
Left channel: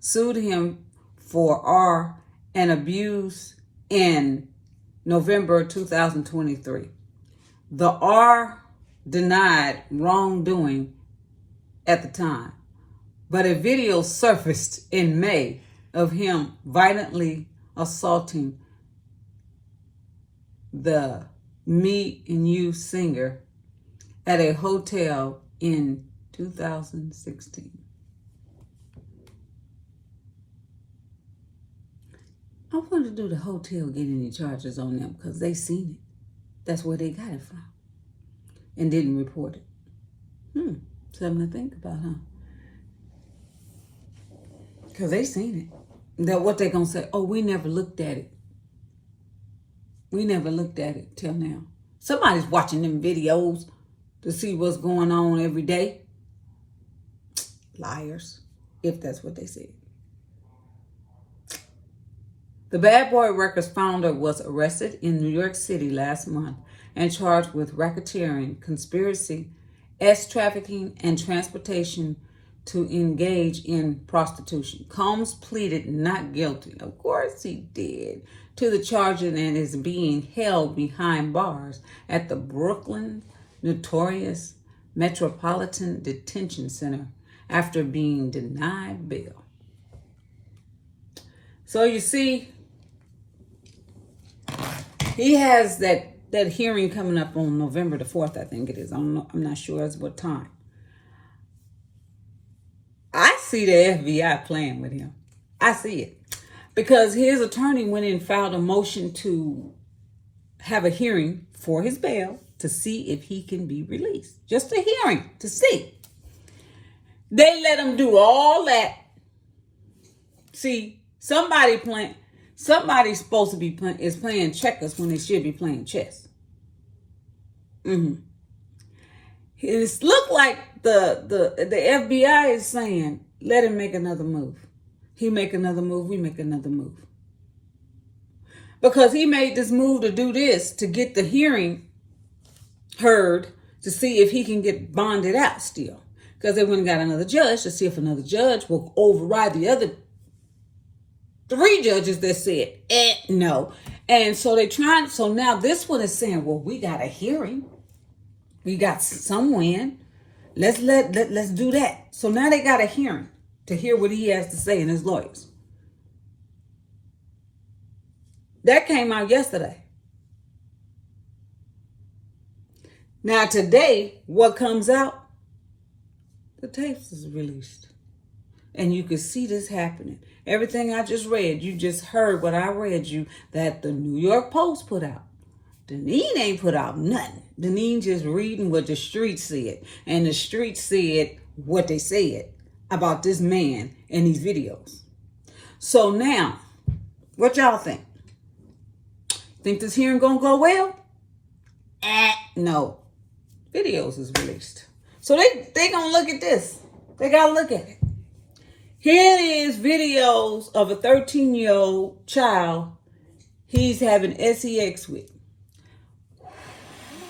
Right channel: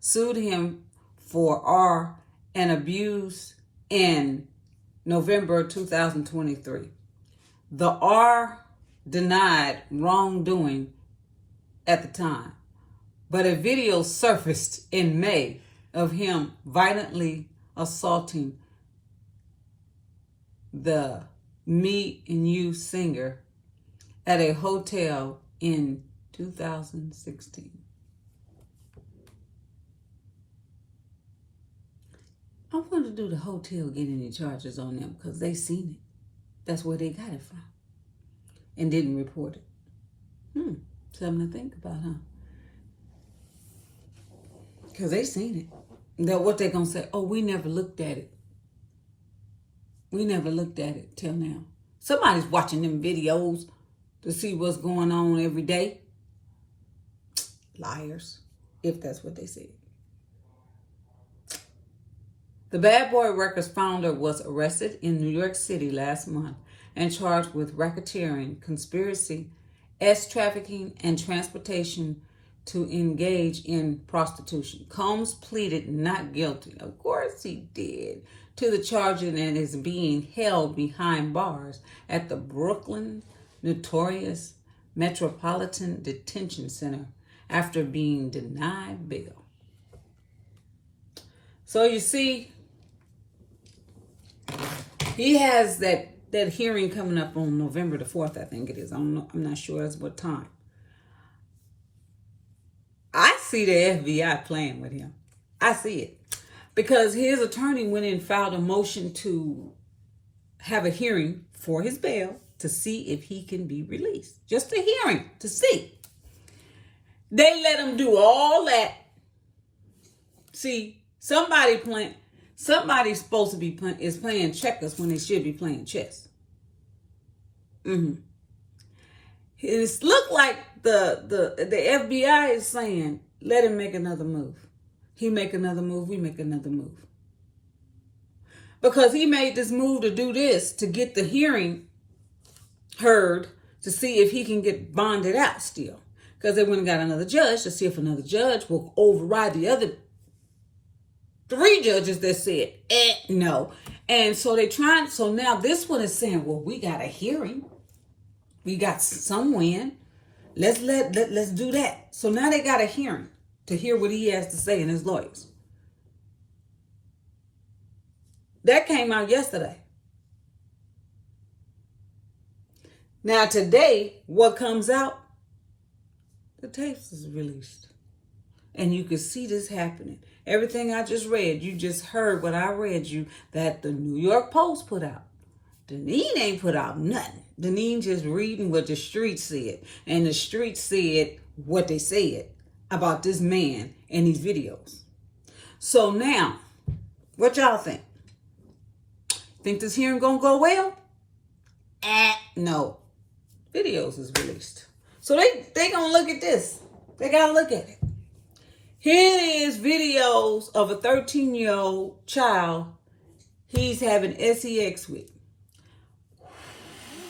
sued him for R and abuse in November 2023. The R denied wrongdoing at the time, but a video surfaced in May of him violently assaulting the Me and You singer at a hotel in 2016. I wonder, do the hotel get any charges on them because they seen it? That's where they got it from and didn't report it. Something to think about, huh? Because they seen it. That what they gonna say? Oh, we never looked at it. We never looked at it till now. Somebody's watching them videos to see what's going on every day. Liars, if that's what they said. The Bad Boy Records founder was arrested in New York City last month and charged with racketeering, conspiracy, trafficking, and transportation to engage in prostitution. Combs pleaded not guilty, of course he did, to the charges and is being held behind bars at the Brooklyn Notorious Metropolitan Detention Center after being denied bail. So you see, he has that hearing coming up on November the 4th, I think it is. I'm not sure as what time. I see the FBI playing with him. I see it. Because his attorney went in and filed a motion to have a hearing for his bail to see if he can be released. Just a hearing to see. They let him do all that. See, somebody's supposed to be playing checkers when they should be playing chess. It looked like the FBI is saying, let him make another move. He make another move, we make another move. Because he made this move to do this, to get the hearing heard, to see if he can get bonded out still. Because they went and got another judge to see if another judge will override the other 3 judges that said, no. And so so now this one is saying, well, we got a hearing. We got some win. Let's do that. So now they got a hearing to hear what he has to say and his lawyers. That came out yesterday. Now today, what comes out? The tapes is released. And you can see this happening. Everything I just read, you just heard what I read you that the New York Post put out. Deneen ain't put out nothing. Deneen just reading what the streets said. And the streets said what they said about this man in these videos. So now, what y'all think? Think this hearing gonna go well? No. Videos is released. So they gonna look at this. They gotta look at it. Here is videos of a 13-year-old child he's having sex with.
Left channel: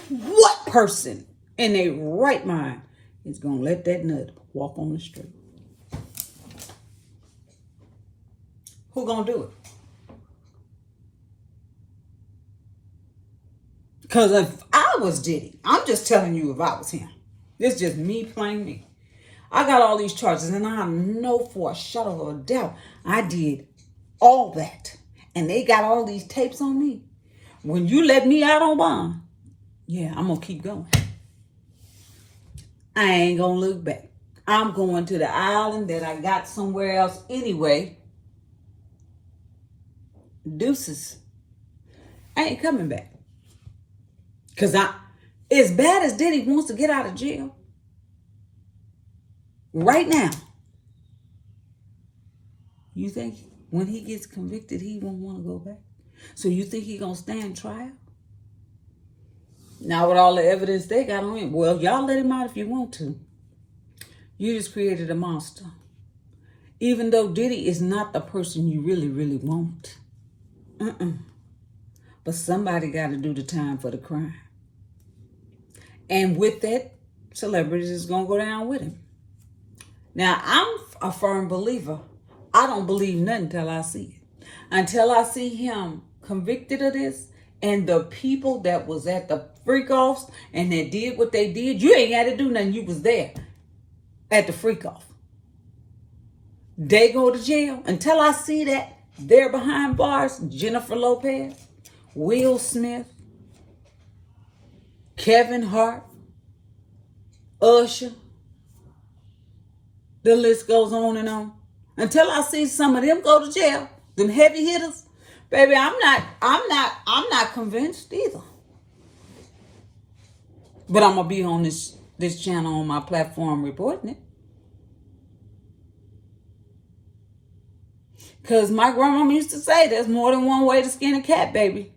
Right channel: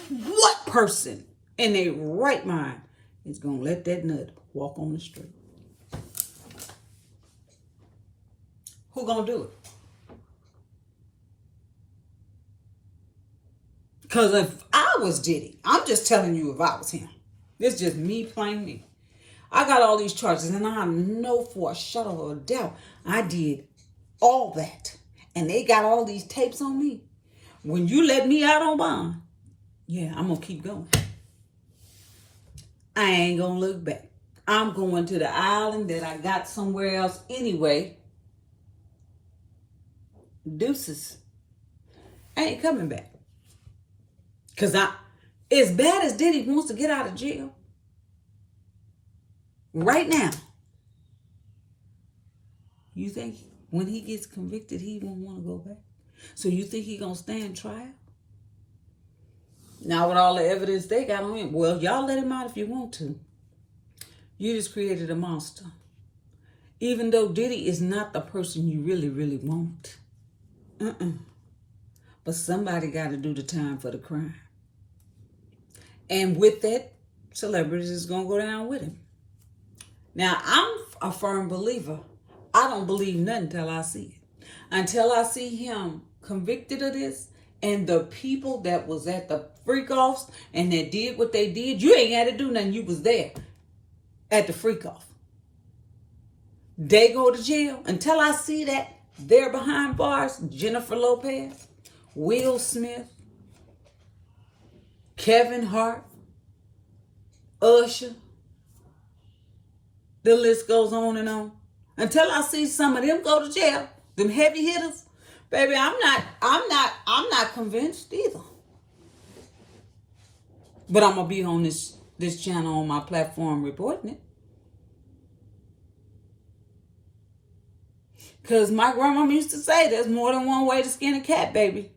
What person in their right mind is gonna let that nut walk on the street? Who gonna do it? Because if I was Diddy, I'm just telling you if I was him. This is just me playing me. I got all these charges, and I know for a shadow of a doubt I did all that. And they got all these tapes on me. When you let me out on bond, yeah, I'm going to keep going. I ain't going to look back. I'm going to the island that I got somewhere else anyway. Deuces. I ain't coming back. Because as bad as Diddy wants to get out of jail, right now, you think when he gets convicted, he won't want to go back? So you think he going to stand trial? Now with all the evidence they got on him, well, y'all let him out if you want to. You just created a monster. Even though Diddy is not the person you really, really want. But somebody got to do the time for the crime. And with that, celebrities is going to go down with him. Now, I'm a firm believer. I don't believe nothing until I see it. Until I see him convicted of this, and the people that was at the freak-offs and that did what they did, you ain't got to do nothing. You was there at the freak-off. They go to jail. Until I see that, they're behind bars. Jennifer Lopez, Will Smith, Kevin Hart, Usher. The list goes on and on. Until I see some of them go to jail, them heavy hitters, baby, I'm not convinced either. But I'm gonna be on this channel on my platform reporting it. Because my grandmama used to say there's more than one way to skin a cat, baby.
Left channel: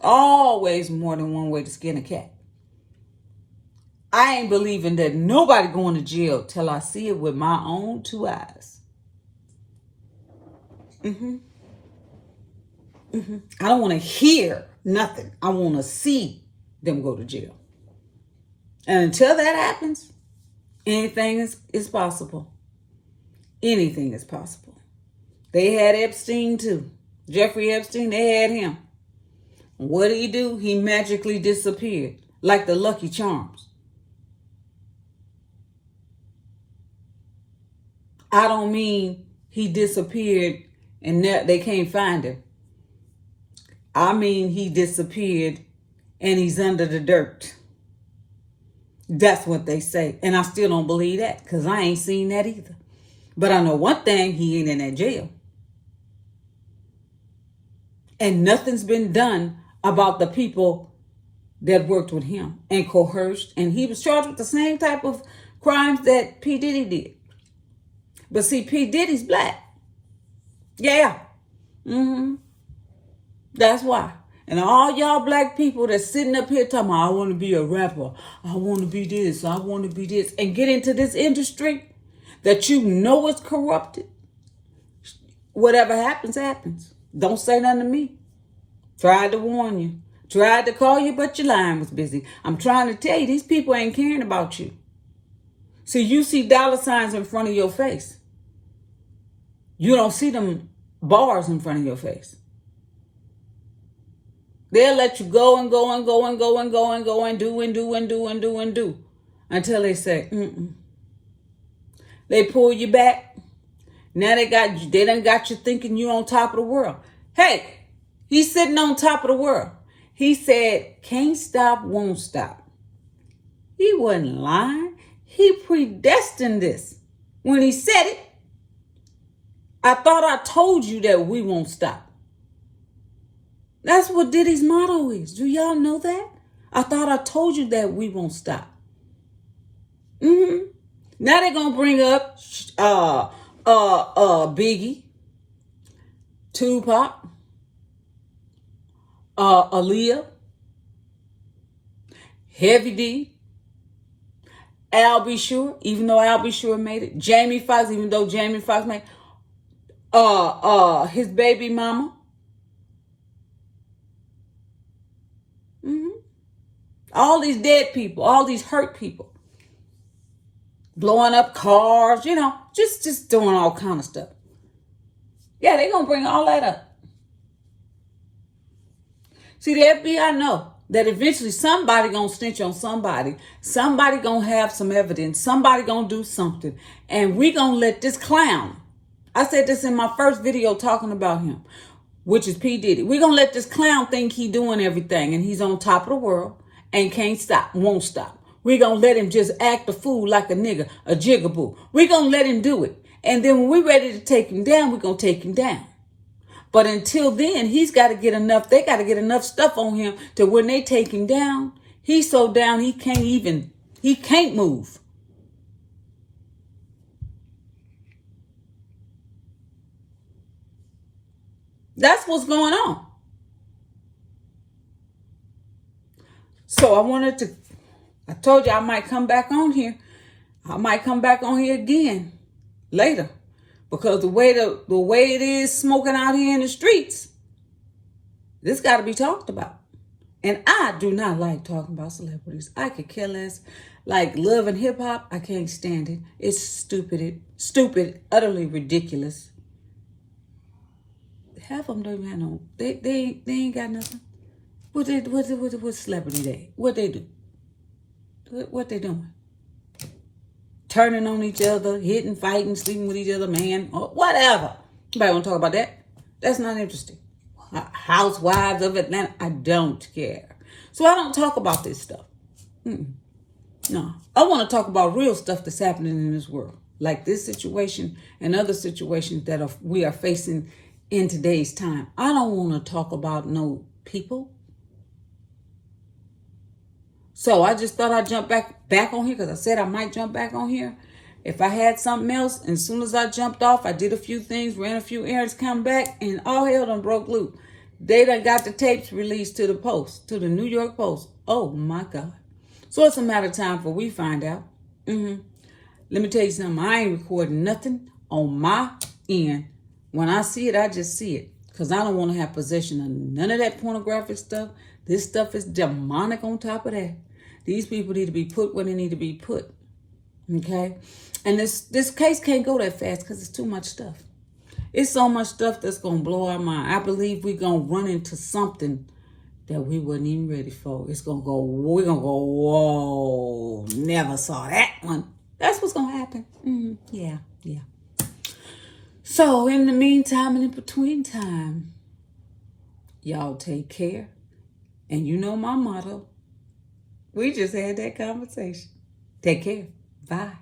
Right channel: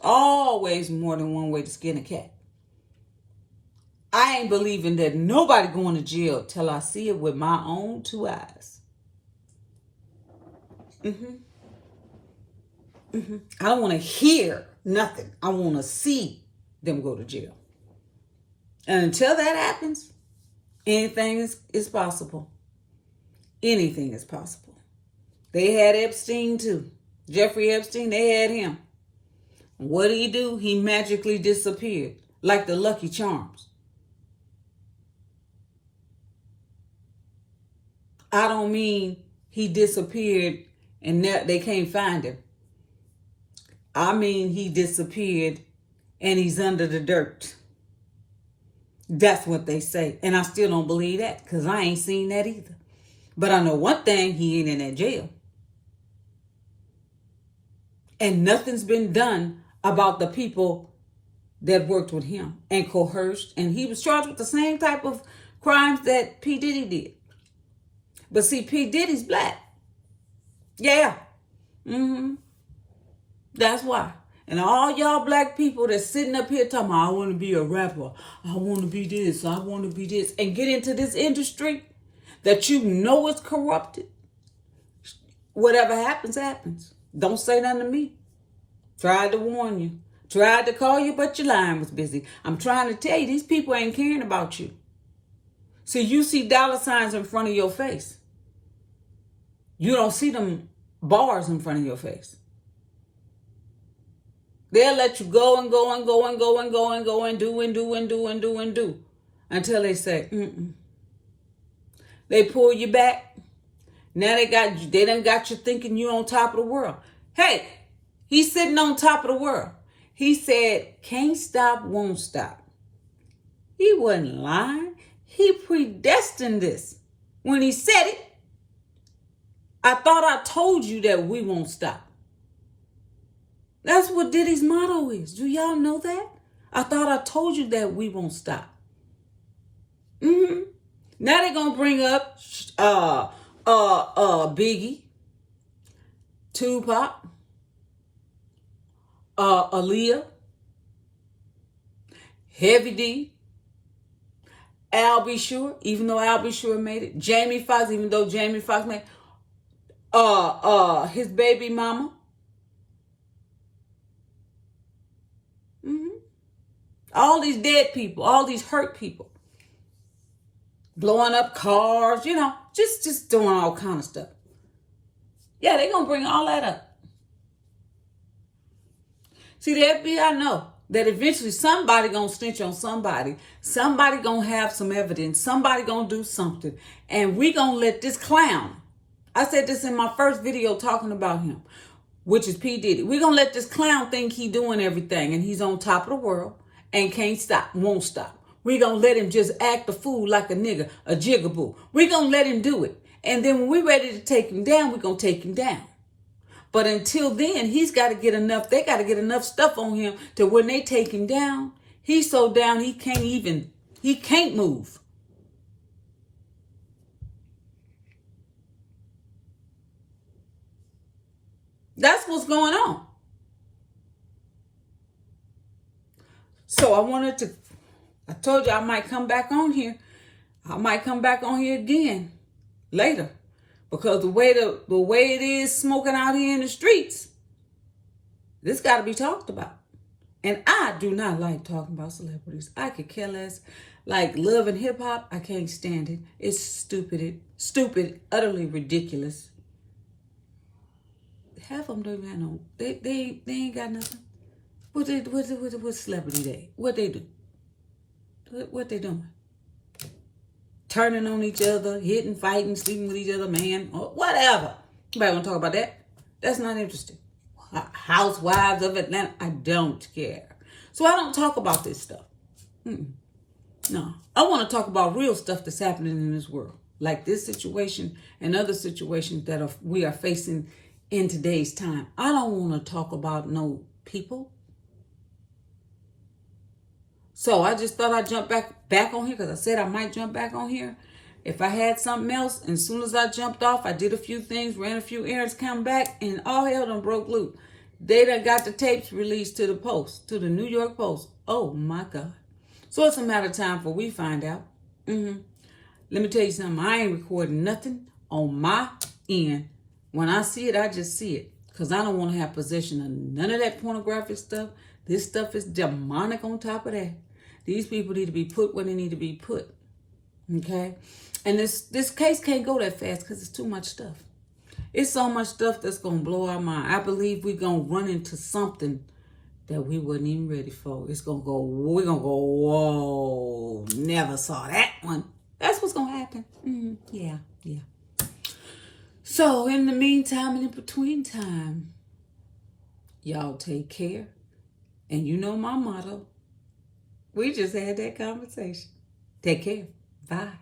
Always more than one way to skin a cat. I ain't believing that nobody going to jail till I see it with my own two eyes. I don't want to hear nothing. I want to see them go to jail. And until that happens, anything is possible. Anything is possible. They had Epstein too. Jeffrey Epstein, they had him. What did he do? He magically disappeared like the Lucky Charms. I don't mean he disappeared and they can't find him. I mean he disappeared and he's under the dirt. That's what they say. And I still don't believe that because I ain't seen that either. But I know one thing, he ain't in that jail. And nothing's been done about the people that worked with him and coerced. And he was charged with the same type of crimes that P. Diddy did. But see, P. Diddy's black. Yeah. That's why. And all y'all black people that's sitting up here talking about, I want to be a rapper. I want to be this. I want to be this. And get into this industry that you know is corrupted. Whatever happens, happens. Don't say nothing to me. Tried to warn you. Tried to call you, but your line was busy. I'm trying to tell you, these people ain't caring about you. See, you see dollar signs in front of your face. You don't see them bars in front of your face. They'll let you go and go and go and go and go and go and do and do and do and do and do until they say, They pull you back. Now they done got you thinking you on top of the world. Hey, he's sitting on top of the world. He said, can't stop, won't stop. He wasn't lying. He predestined this. When he said it, I thought I told you that we won't stop. That's what Diddy's motto is. Do y'all know that? I thought I told you that we won't stop. Now they're gonna bring up Biggie, Tupac, Aaliyah, Heavy D, Al B. Sure, even though Al B. Sure made it. Jamie Foxx, even though Jamie Foxx made it. His baby mama. All these dead people, all these hurt people. Blowing up cars, just doing all kind of stuff. Yeah, they're going to bring all that up. See, the FBI know that eventually somebody going to snitch on somebody. Somebody going to have some evidence. Somebody going to do something. And we going to let this clown, I said this in my first video talking about him, which is P. Diddy. We're going to let this clown think he doing everything and he's on top of the world and can't stop, won't stop. We're going to let him just act a fool like a nigga, a jigaboo. We're going to let him do it. And then when we're ready to take him down, we're going to take him down. But until then, he's got to get enough, they got to get enough stuff on him to when they take him down, he's so down he can't move. That's what's going on. So I told you I might come back on here. I might come back on here again later. Because the way it is smoking out here in the streets, this got to be talked about. And I do not like talking about celebrities. I could care less. Like love and hip hop, I can't stand it. It's stupid, utterly ridiculous. Half of them don't even have no. They ain't got nothing. What celebrity they? What they do? What they doing? Turning on each other, hitting, fighting, sleeping with each other, man, or whatever. Nobody want to talk about that? That's not interesting. Housewives of Atlanta, I don't care. So I don't talk about this stuff. No, I want to talk about real stuff that's happening in this world, like this situation and other situations that we are facing in today's time. I don't want to talk about no people. So I just thought I'd jump back on here because I said I might jump back on here. If I had something else, and as soon as I jumped off, I did a few things, ran a few errands, come back, and all hell done broke loose. They done got the tapes released to the Post, to the New York Post. Oh my God. So it's a matter of time before we find out. Let me tell you something. I ain't recording nothing on my end. When I see it, I just see it. Because I don't want to have possession of none of that pornographic stuff. This stuff is demonic on top of that. These people need to be put where they need to be put. Okay? And this case can't go that fast because it's too much stuff. It's so much stuff that's going to blow our mind. I believe we're going to run into something that we wasn't even ready for. We're going to go, whoa, never saw that one. That's what's going to happen. Yeah. So in the meantime and in between time, y'all take care. And you know my motto. We just had that conversation. Take care. Bye.